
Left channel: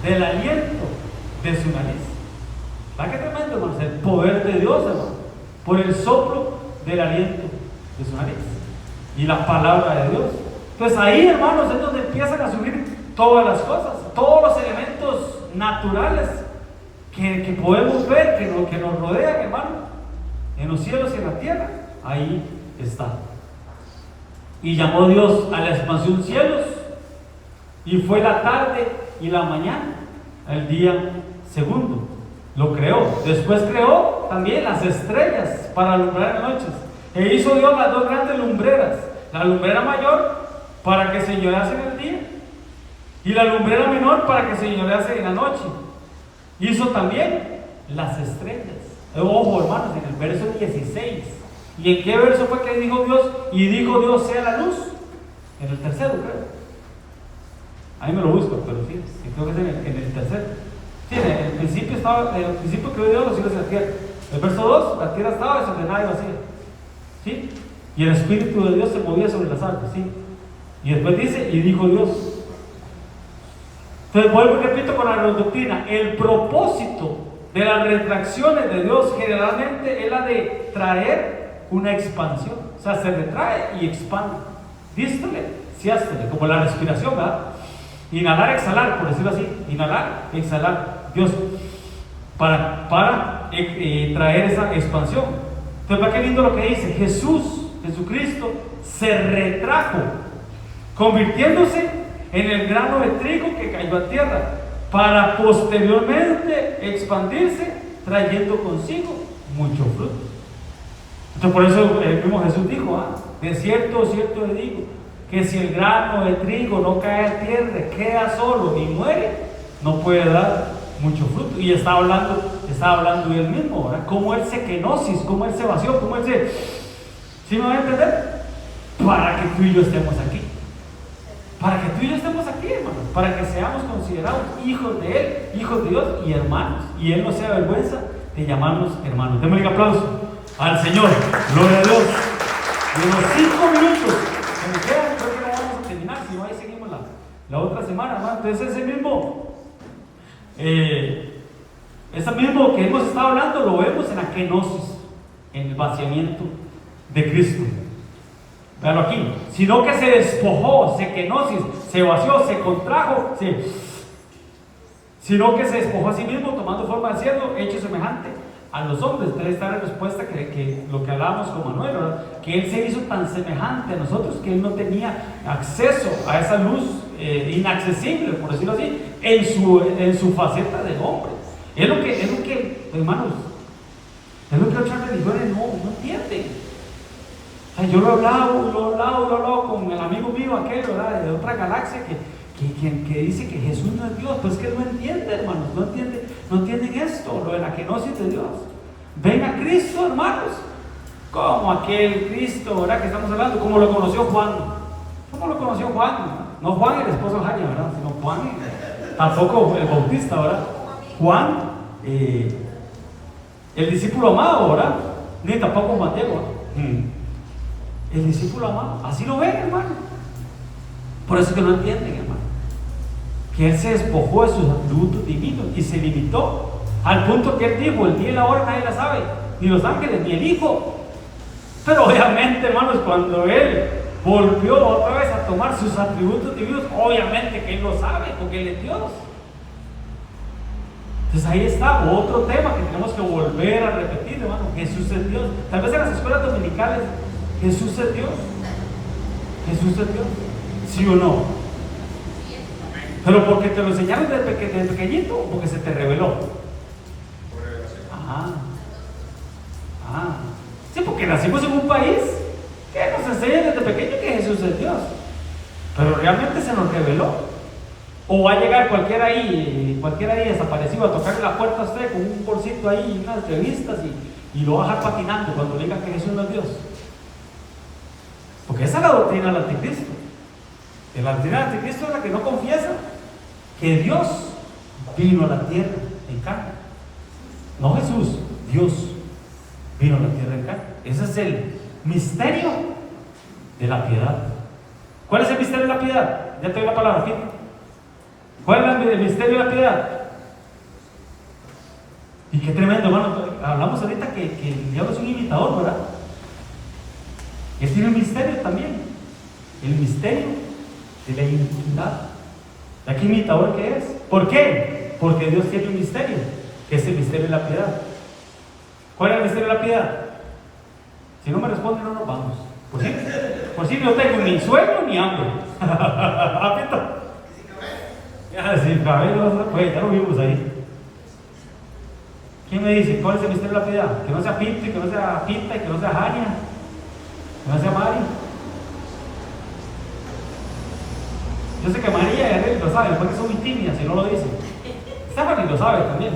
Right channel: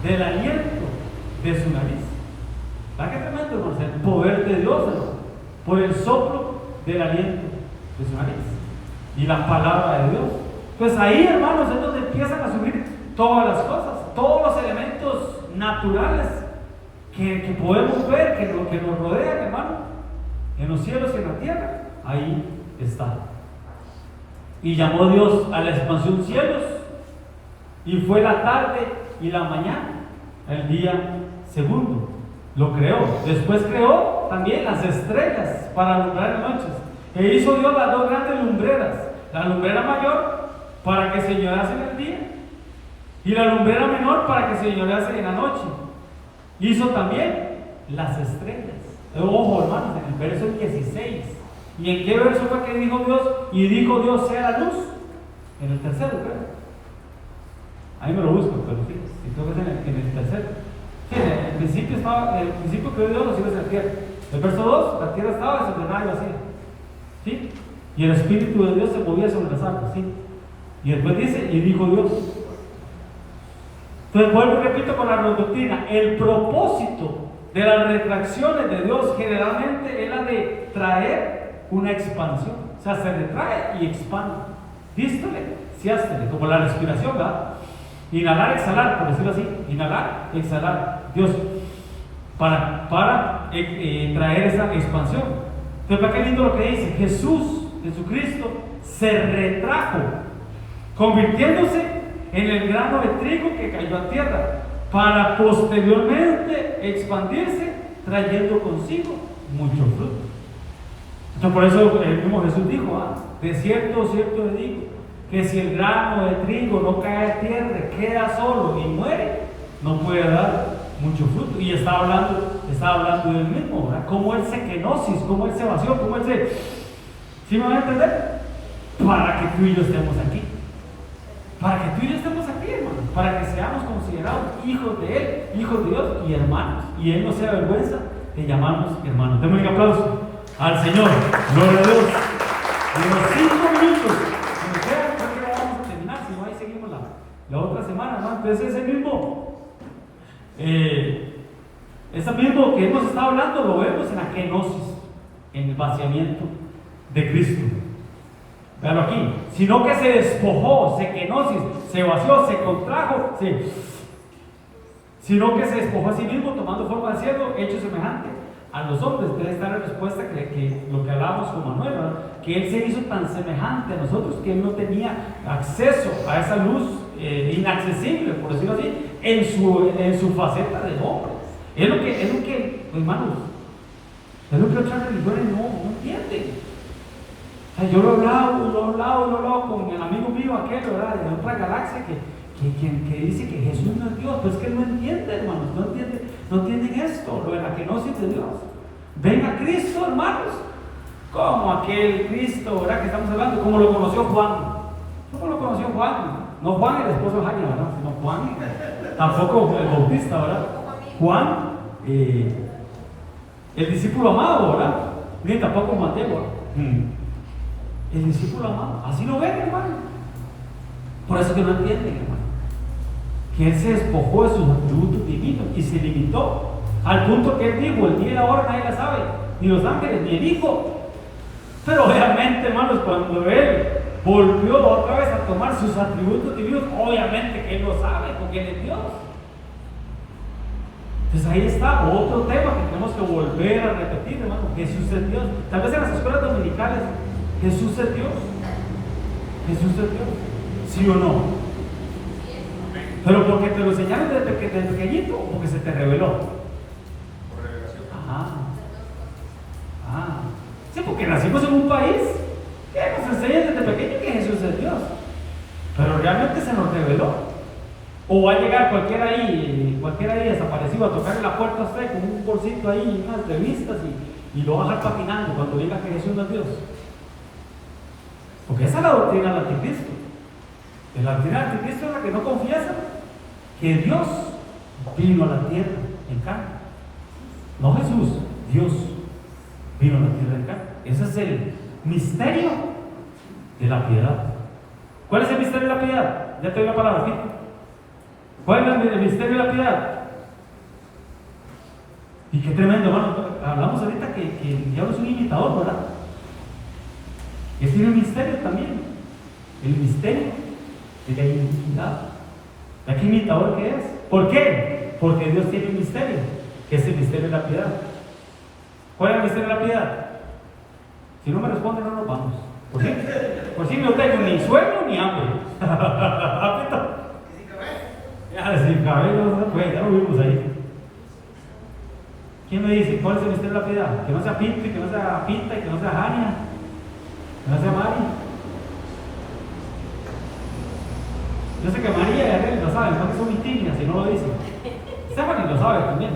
del aliento de su nariz. ¿Va qué tremendo, hermanos? El poder de Dios, hermano. Por el soplo del aliento de su nariz. Y la palabra de Dios. Entonces ahí, hermanos, es donde empiezan a subir todas las cosas, todos los elementos naturales que podemos ver, que nos rodean, hermano, en los cielos y en la tierra. Ahí está. Y llamó Dios a la expansión cielos, y fue la tarde y la mañana, el día segundo. Lo creó. Después creó también las estrellas para alumbrar noches. E hizo Dios las 2 grandes lumbreras, la lumbrera mayor para que señorease en el día y la lumbrera menor para que señorease en la noche. Hizo también las estrellas. Ojo, hermanos, en el verso 16. ¿Y en qué verso fue que dijo Dios? Y dijo Dios, sea la luz. En el tercero, creo. Ahí me lo busco, pero sí creo que es en el tercero. Sí, en el principio estaba, en el principio creó Dios los cielos y la tierra. El verso 2, la tierra estaba desordenada y vacía. ¿Sí? Y el Espíritu de Dios se movía sobre las aguas. ¿Sí? Y después dice, y dijo Dios. Entonces vuelvo y repito con la doctrina. El propósito de las retracciones de Dios generalmente es la de traer una expansión. O sea, se retrae y expande. Dístole, siástele, como la respiración, ¿verdad? Inhalar, exhalar, por decirlo así. Inhalar, exhalar. Dios, para traer esa expansión. Entonces, ¿para qué lindo lo que dice? Jesucristo, se retrajo, convirtiéndose en el grano de trigo que cayó a tierra, para posteriormente expandirse, trayendo consigo mucho fruto. Entonces, por eso el mismo Jesús dijo, de cierto, cierto le digo, que si el grano de trigo no cae a tierra, queda solo y muere, no puede dar mucho fruto. Y estaba hablando de él mismo, ¿verdad? Cómo él se kenosis, cómo él se vació, cómo él se... ¿Sí me van a entender? Para que tú y yo estemos aquí. Para que tú tú y yo estamos aquí, hermano, para que seamos considerados hijos de Él, hijos de Dios y hermanos. Y Él no se avergüenza de llamarnos hermanos. Denme un aplauso al Señor. Gloria a Dios. En los 5 minutos que me quedan, creo que ya vamos a terminar. Si no, ahí seguimos la otra semana, hermano. Entonces, ese mismo que hemos estado hablando lo vemos en la kenosis, en el vaciamiento de Cristo. Veanlo aquí, sino que se despojó, se kenosis, se vació, se contrajo, sino que se despojó a sí mismo, tomando forma de siervo, hecho semejante a los hombres. Entonces está la respuesta que lo que hablábamos con Manuel, ¿verdad? Que Él se hizo tan semejante a nosotros que Él no tenía acceso a esa luz inaccesible, por decirlo así, en su faceta de hombre. Es lo que hermanos, es lo que otras religiones no entienden. Yo lo he hablado con el amigo mío aquel, ¿verdad? De otra galaxia que dice que Jesús no es Dios. Pues que él no entiende, hermanos, no entienden esto, lo de la kenosis de Dios. Ven a Cristo, hermanos, como aquel Cristo, ¿verdad? Que estamos hablando, como lo conoció Juan. ¿Cómo lo conoció Juan? No Juan el esposo de Jaime, ¿verdad? Sino Juan, tampoco el Bautista, ¿verdad? Juan, el discípulo amado, ¿verdad? Ni tampoco Mateo. El discípulo amado, así lo ven, hermano. Por eso que no entienden, hermano, que Él se despojó de sus atributos divinos y se limitó al punto que Él dijo: el día y la hora nadie la sabe, ni los ángeles, ni el Hijo. Pero obviamente, hermanos, cuando Él volvió otra vez a tomar sus atributos divinos, obviamente que Él lo sabe, porque Él es Dios. Entonces ahí está otro tema que tenemos que volver a repetir, hermano. Jesús es Dios. Tal vez en las escuelas dominicales, Jesús es Dios. Jesús es Dios. ¿Sí o no? Pero porque te lo enseñaron desde pequeñito o porque se te reveló. Por revelación. Sí, porque nacimos en un país que nos enseña desde pequeño que Jesús es Dios. Pero realmente se nos reveló. O va a llegar cualquiera ahí desaparecido a tocarle la puerta a usted con un bolsito ahí y unas revistas y lo va a dejar patinando cuando diga que Jesús no es Dios. Porque esa es la doctrina del anticristo. La doctrina del anticristo es la que no confiesa que Dios vino a la tierra en carne. No Jesús, Dios vino a la tierra en carne. Ese es el misterio de la piedad. ¿Cuál es el misterio de la piedad? Ya te doy la palabra, Pito. ¿Cuál es el misterio de la piedad? Y qué tremendo, hermano. Hablamos ahorita que el diablo es un imitador, ¿verdad? Y él tiene un misterio también. El misterio de la iniquidad. ¿De qué imitador que es? ¿Por qué? Porque Dios tiene un misterio, que es el misterio de la piedad. ¿Cuál es el misterio de la piedad? Si no me responden, no nos vamos. Por si no tengo ni sueño ni hambre. Ya, sí, pues ya lo vimos ahí. ¿Quién me dice cuál es el misterio de la piedad? Que no sea Pinto, y que no sea Pinta, y que no sea Jania, que no sea Mari. Yo sé que María y Ariel lo saben, porque son muy tímidas y no lo dicen. Stephanie lo sabe también.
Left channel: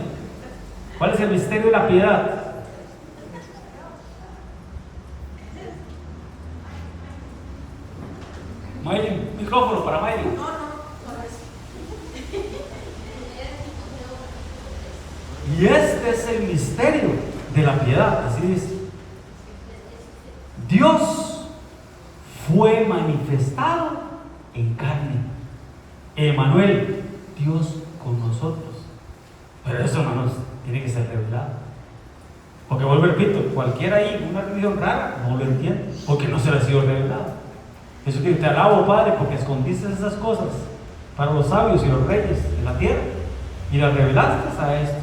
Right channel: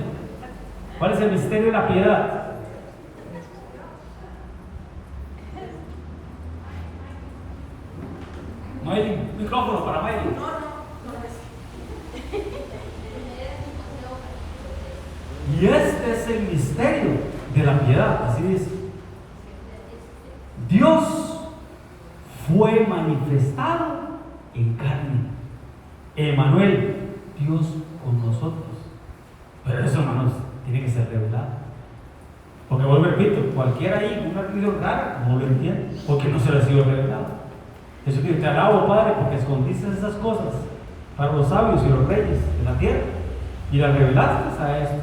¿Cuál es el misterio de la piedad? Mayrin, micrófono para Mayrin. Y este es el misterio de la piedad, así dice. Dios fue manifestado en carne. Emmanuel, Dios con nosotros. Pero eso, hermanos, tiene que ser revelado. Porque vuelvo a repito, cualquiera ahí, una religión rara, no lo entiende, porque no se le ha sido revelado. Jesucristo, te alabo, Padre, porque escondiste esas cosas para los sabios y los reyes de la tierra y las revelaste a estos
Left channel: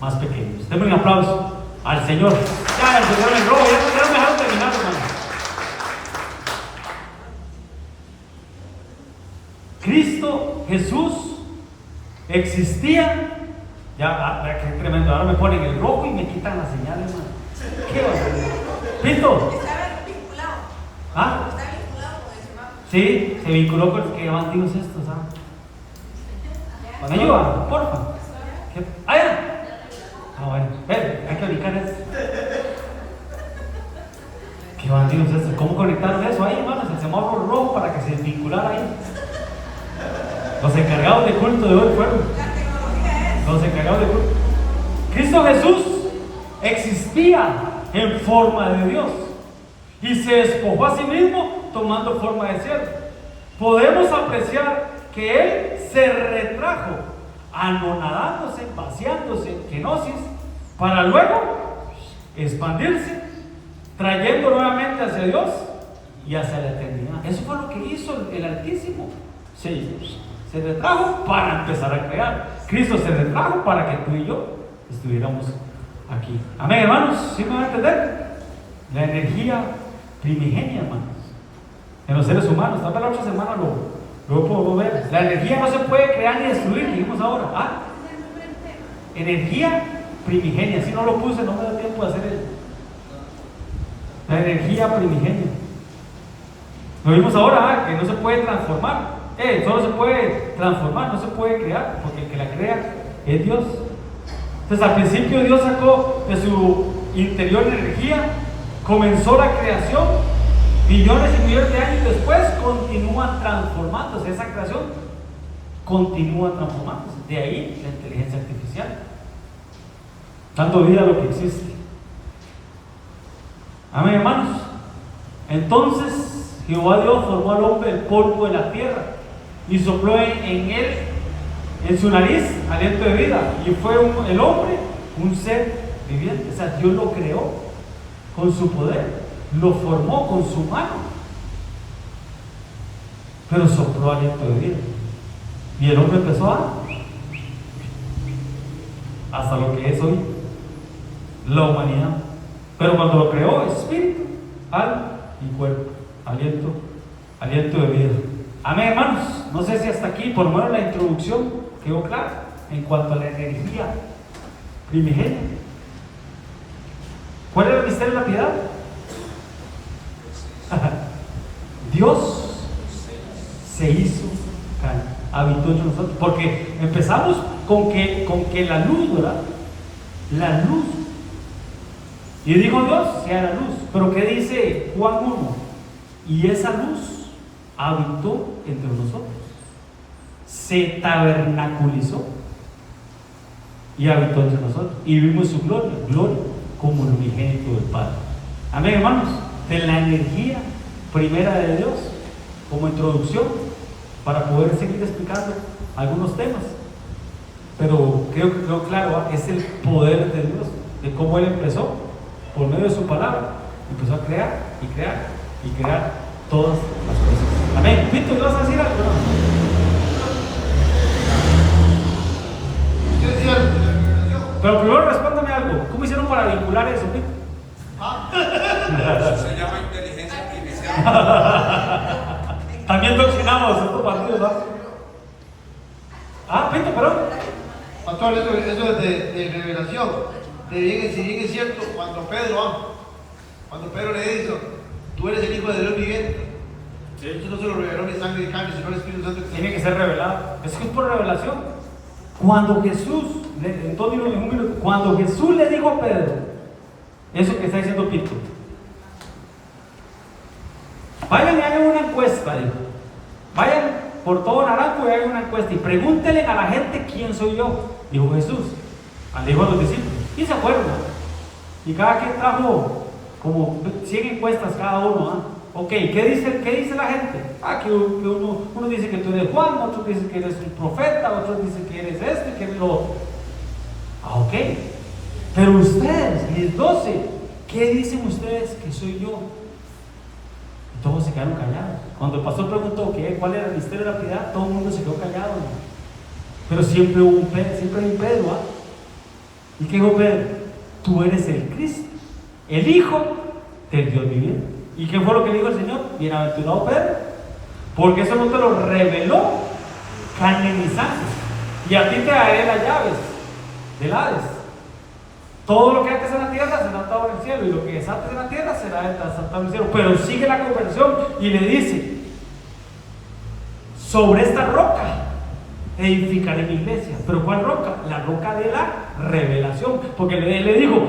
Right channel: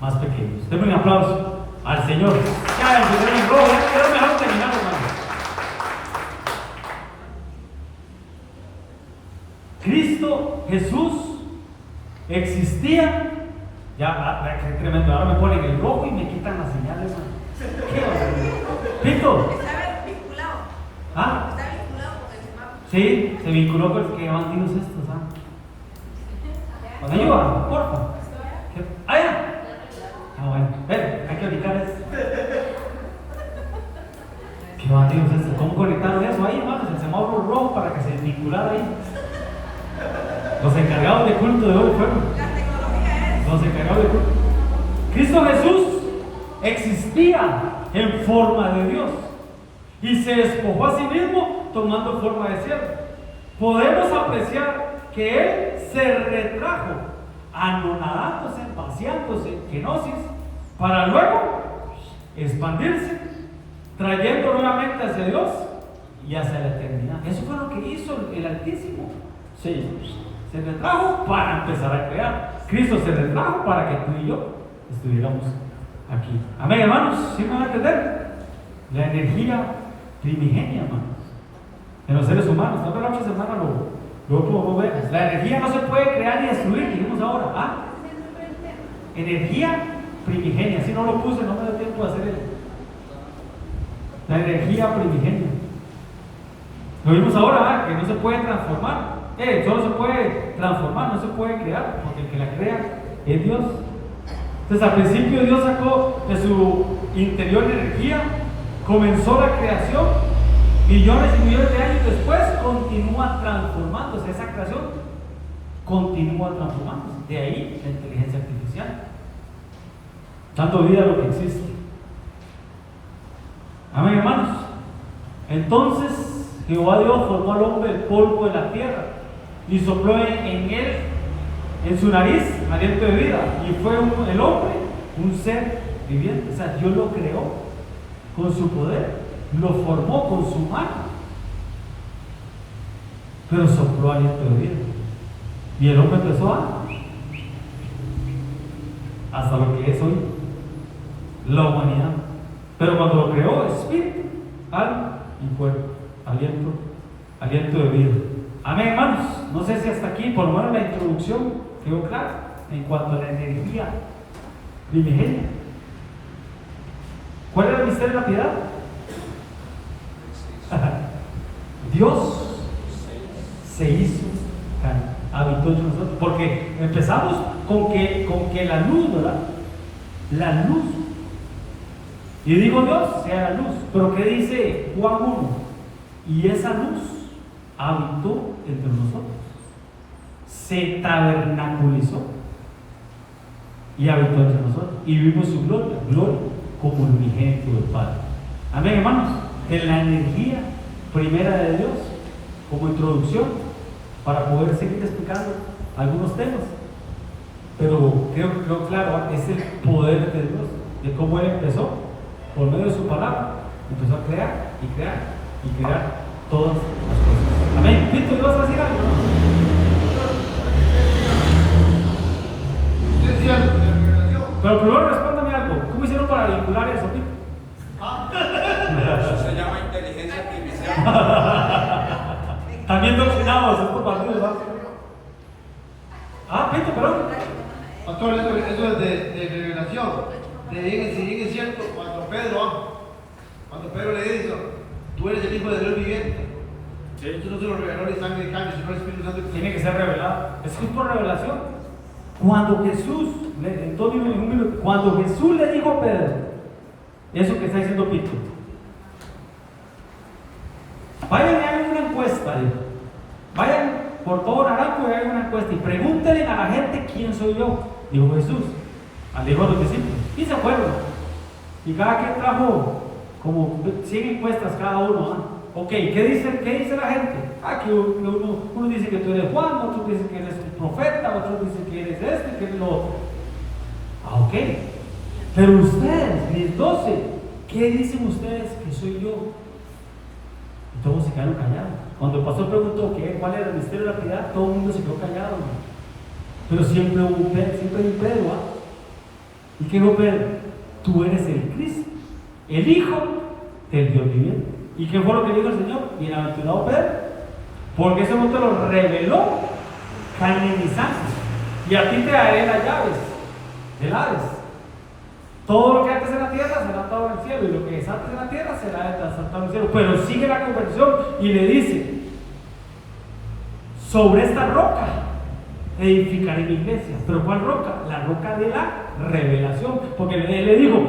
más pequeños. Denme un aplauso al Señor. Ya el Señor en gloria. Era mejor terminar, hermano. Cristo Jesús existía. Ya, qué tremendo. Ahora me ponen el rojo y me quitan las señales, hermano. ¿Qué va? ¿Listo? ¿Está vinculado? ¿Ah? ¿Está vinculado con el semáforo? Sí, se vinculó con los que llevan tíos estos, ¿ah? ¿Me ayuda? Porfa. ¿Qué? ¡Ah, ya! No, bueno, hay que ubicar eso. ¿Qué bandidos es eso? ¿Cómo conectaron eso ahí, hermanos? El semáforo rojo para que se vinculara ahí. Los encargados de culto de hoy fueron. La tecnología es. Los encargados de culto. Cristo Jesús existía en forma de Dios y se despojó a sí mismo tomando forma de siervo. Podemos apreciar que Él se retrajo, anonadándose, vaciándose en kenosis, para luego expandirse, trayendo nuevamente hacia Dios y hacia la eternidad. Eso fue lo que hizo el Altísimo. Se retrajo para empezar a crear. Cristo se retrajo para que tú y yo estuviéramos aquí. Amén, hermanos. ¿Sí me van a entender? La energía primigenia, hermanos, en los seres humanos. Tal vez la otra semana lo podemos ver. La energía no se puede crear ni destruir, que vimos ahora. Energía primigenia. Si no lo puse, no me da tiempo de hacer eso. La energía primigenia. Lo vimos ahora, que no se puede transformar. Solo se puede transformar, no se puede crear, porque el que la crea es Dios. Entonces, al principio Dios sacó de su interior energía, comenzó la creación, millones y millones de años después continúa transformándose. Esa creación continúa transformándose. De ahí la inteligencia artificial, dando vida a lo que existe. Amén, hermanos. Entonces Jehová Dios formó al hombre del polvo de la tierra y sopló en él, en su nariz, aliento de vida, y fue el hombre un ser viviente. O sea, Dios lo creó con su poder, lo formó con su mano, pero sopló aliento de vida y el hombre empezó hasta lo que es hoy la humanidad. Pero cuando lo creó, espíritu, alma y cuerpo, aliento de vida. Amén, hermanos. No sé si hasta aquí, por lo menos la introducción quedó clara en cuanto a la energía primigenia. ¿Cuál era el misterio de la piedad? Dios se hizo carne, habitó entre nosotros, porque empezamos con que la luz, ¿verdad? La luz. Y dijo Dios, sea la luz. Pero ¿qué dice Juan 1? Y esa luz habitó entre nosotros, se tabernaculizó y habitó entre nosotros, y vimos su gloria como el unigénito del Padre. Amén, hermanos. De la energía primera de Dios, como introducción, para poder seguir explicando algunos temas. Pero creo claro, es el poder de Dios, de cómo Él empezó, por medio de su palabra, empezó a crear y crear y crear todas las cosas. Amén. Víctor, ¿tú vas a decir algo? Pero primero respóndame algo. ¿Cómo hicieron para vincular eso, Víctor? Eso se llama inteligencia artificial. También doctrinados estos partidos, ¿no? Víctor, perdón. Pastor, eso es de revelación. Si bien es cierto, cuando Pedro le dice, tú eres el Hijo de Dios viviente. Eso no se lo reveló ni sangre de carne, sino el Espíritu Santo. Tiene que ser revelado. Es que es por revelación. Cuando Jesús, cuando Jesús le dijo a Pedro, eso que está diciendo Víctor, vayan y hagan una encuesta, dijo. Vayan por todo Naranjo y hagan una encuesta y pregúntenle a la gente quién soy yo, dijo Jesús. Dijo a los discípulos, y se fueron. Y cada quien trajo como 100 encuestas cada uno, ¿no? Ok, ¿qué dice la gente? Que uno dice que tú eres Juan, otro dice que eres un profeta, otro dice que eres este, que eres lo otro. Ok, pero ustedes, mis 12, ¿qué dicen ustedes que soy yo? Y todos se quedaron callados. Cuando el pastor preguntó cuál era el misterio de la piedad, todo el mundo se quedó callado, ¿no? Pero siempre hubo un Pedro, ¿no? ¿Y qué dijo Pedro? Tú eres el Cristo, el Hijo del Dios viviente. ¿Y qué fue lo que dijo el Señor? Bienaventurado Pedro, porque eso no te lo reveló carne ni sangre. Y a ti te daré las llaves del Hades. Todo lo que antes en la tierra será atado en el cielo, y lo que desates en la tierra será desatado en el cielo. Pero sigue la conversión y le dice: sobre esta roca edificaré mi iglesia. ¿Pero cuál roca? La roca de la revelación. Porque le dijo:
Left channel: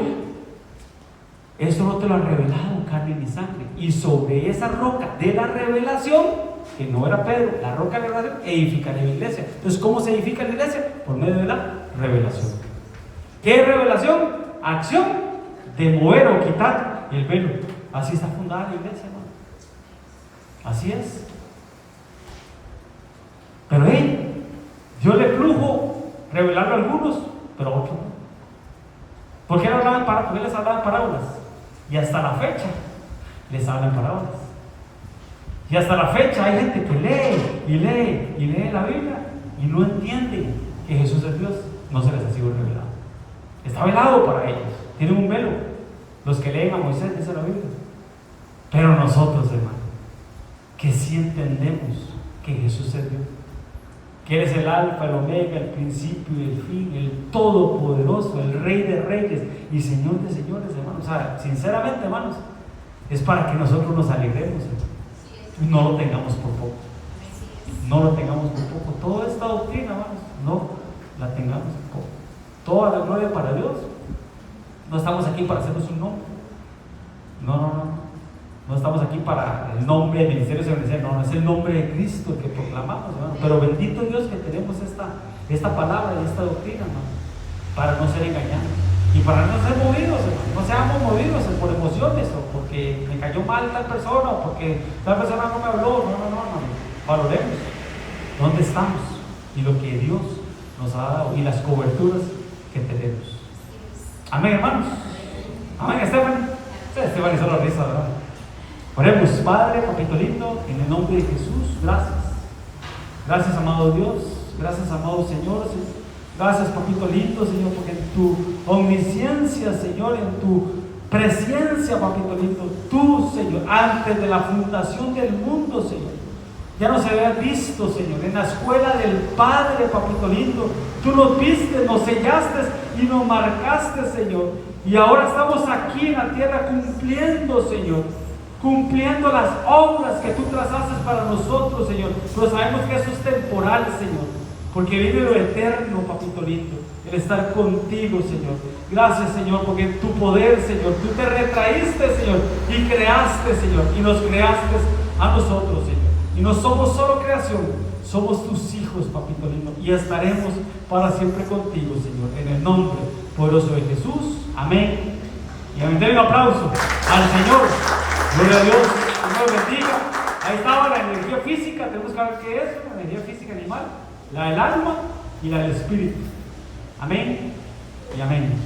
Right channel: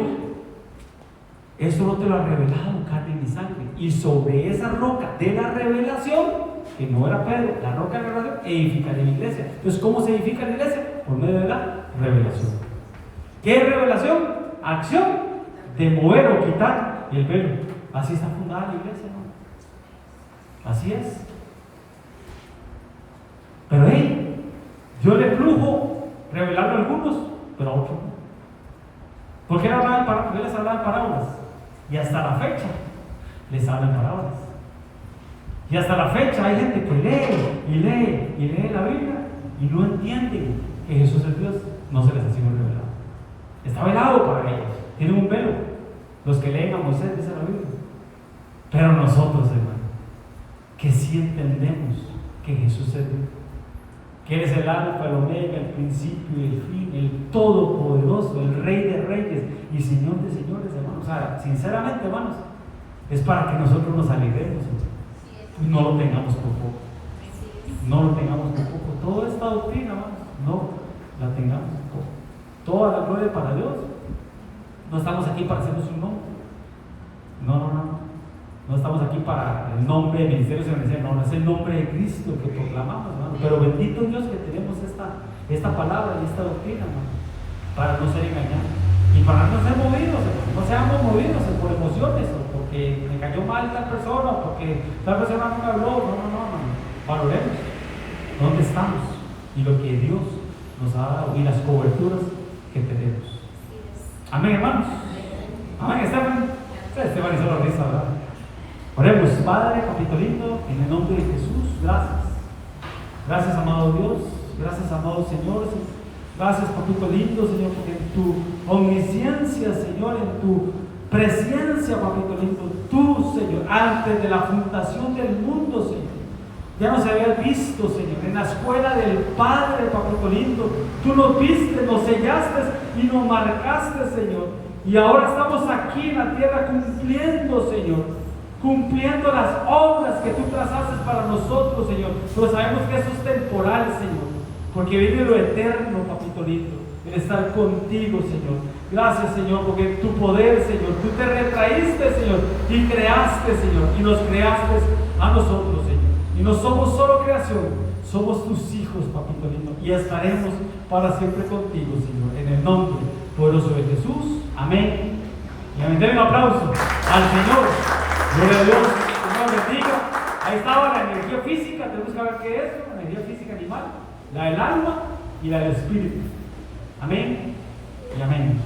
esto no te lo ha revelado carne ni sangre. Y sobre esa roca de la revelación que no era Pedro, la roca de la revelación, edificaré mi iglesia. Entonces, ¿cómo se edifica la iglesia? Por medio de la revelación. ¿Qué es revelación? Acción de mover o quitar el velo. Así está fundada la iglesia, ¿no? Así es. Pero Dios le plujo revelarlo a algunos, pero a otros no. ¿Por qué no hablaban parábolas? ¿Por qué les hablaban parábolas? Y hasta la fecha les hablan parábolas. Y hasta la fecha hay gente que lee la Biblia y no entiende que Jesús es Dios. No se les ha sido revelado. Está velado para ellos. Tienen un velo. Los que leen a Moisés, dice la Biblia. Pero nosotros, hermano, que sí entendemos que Jesús es Dios, que Él es el alfa, el omega, el principio y el fin, el todopoderoso, el rey de reyes y señor de señores, hermanos. O sea, sinceramente, hermanos, es para que nosotros nos alegremos y no lo tengamos por poco. No lo tengamos por poco. Toda esta doctrina, hermanos, no la tengamos por poco. Toda la gloria para Dios. No estamos aquí para hacernos un nombre. No. No estamos aquí para el nombre del ministerio de Iglesia, no, es el nombre de Cristo que proclamamos, hermano. Pero bendito Dios que tenemos esta palabra y esta doctrina, hermano, para no ser engañados y para no ser movidos, hermano. No seamos movidos por emociones o porque me cayó mal tal persona o porque tal persona no me habló. No. Valoremos dónde estamos y lo que Dios nos ha dado y las coberturas que tenemos. Amén, hermanos. Amén, Esteban. Esteban hizo la risa, ¿verdad? Oremos. Padre, papito lindo, en el nombre de Jesús, gracias. Gracias, amado Dios. Gracias, amado Señor. Gracias, papito lindo, Señor, porque en tu omnisciencia, Señor, en tu presencia, papito lindo, tú, Señor, antes de la fundación del mundo, Señor, ya nos habías visto, Señor, en la escuela del Padre, papito lindo. Tú nos viste, nos sellaste y nos marcaste, Señor. Y ahora estamos aquí en la tierra cumpliendo, Señor, cumpliendo las obras que tú trazaste para nosotros, Señor. Pero sabemos que eso es temporal, Señor, porque vive lo eterno, papito lindo, el estar contigo, Señor. Gracias, Señor, porque tu poder, Señor, tú te retraíste, Señor, y creaste, Señor, y nos creaste a nosotros, Señor. Y no somos solo creación, somos tus hijos, papito lindo, y estaremos para siempre contigo, Señor, en el nombre poderoso de Jesús. Amén. Y amén. Denle un aplauso al Señor. Gloria a Dios, Dios nos bendiga. Ahí estaba la energía física, tenemos que ver qué es, la energía física animal, la del alma y la del espíritu. Amén y amén.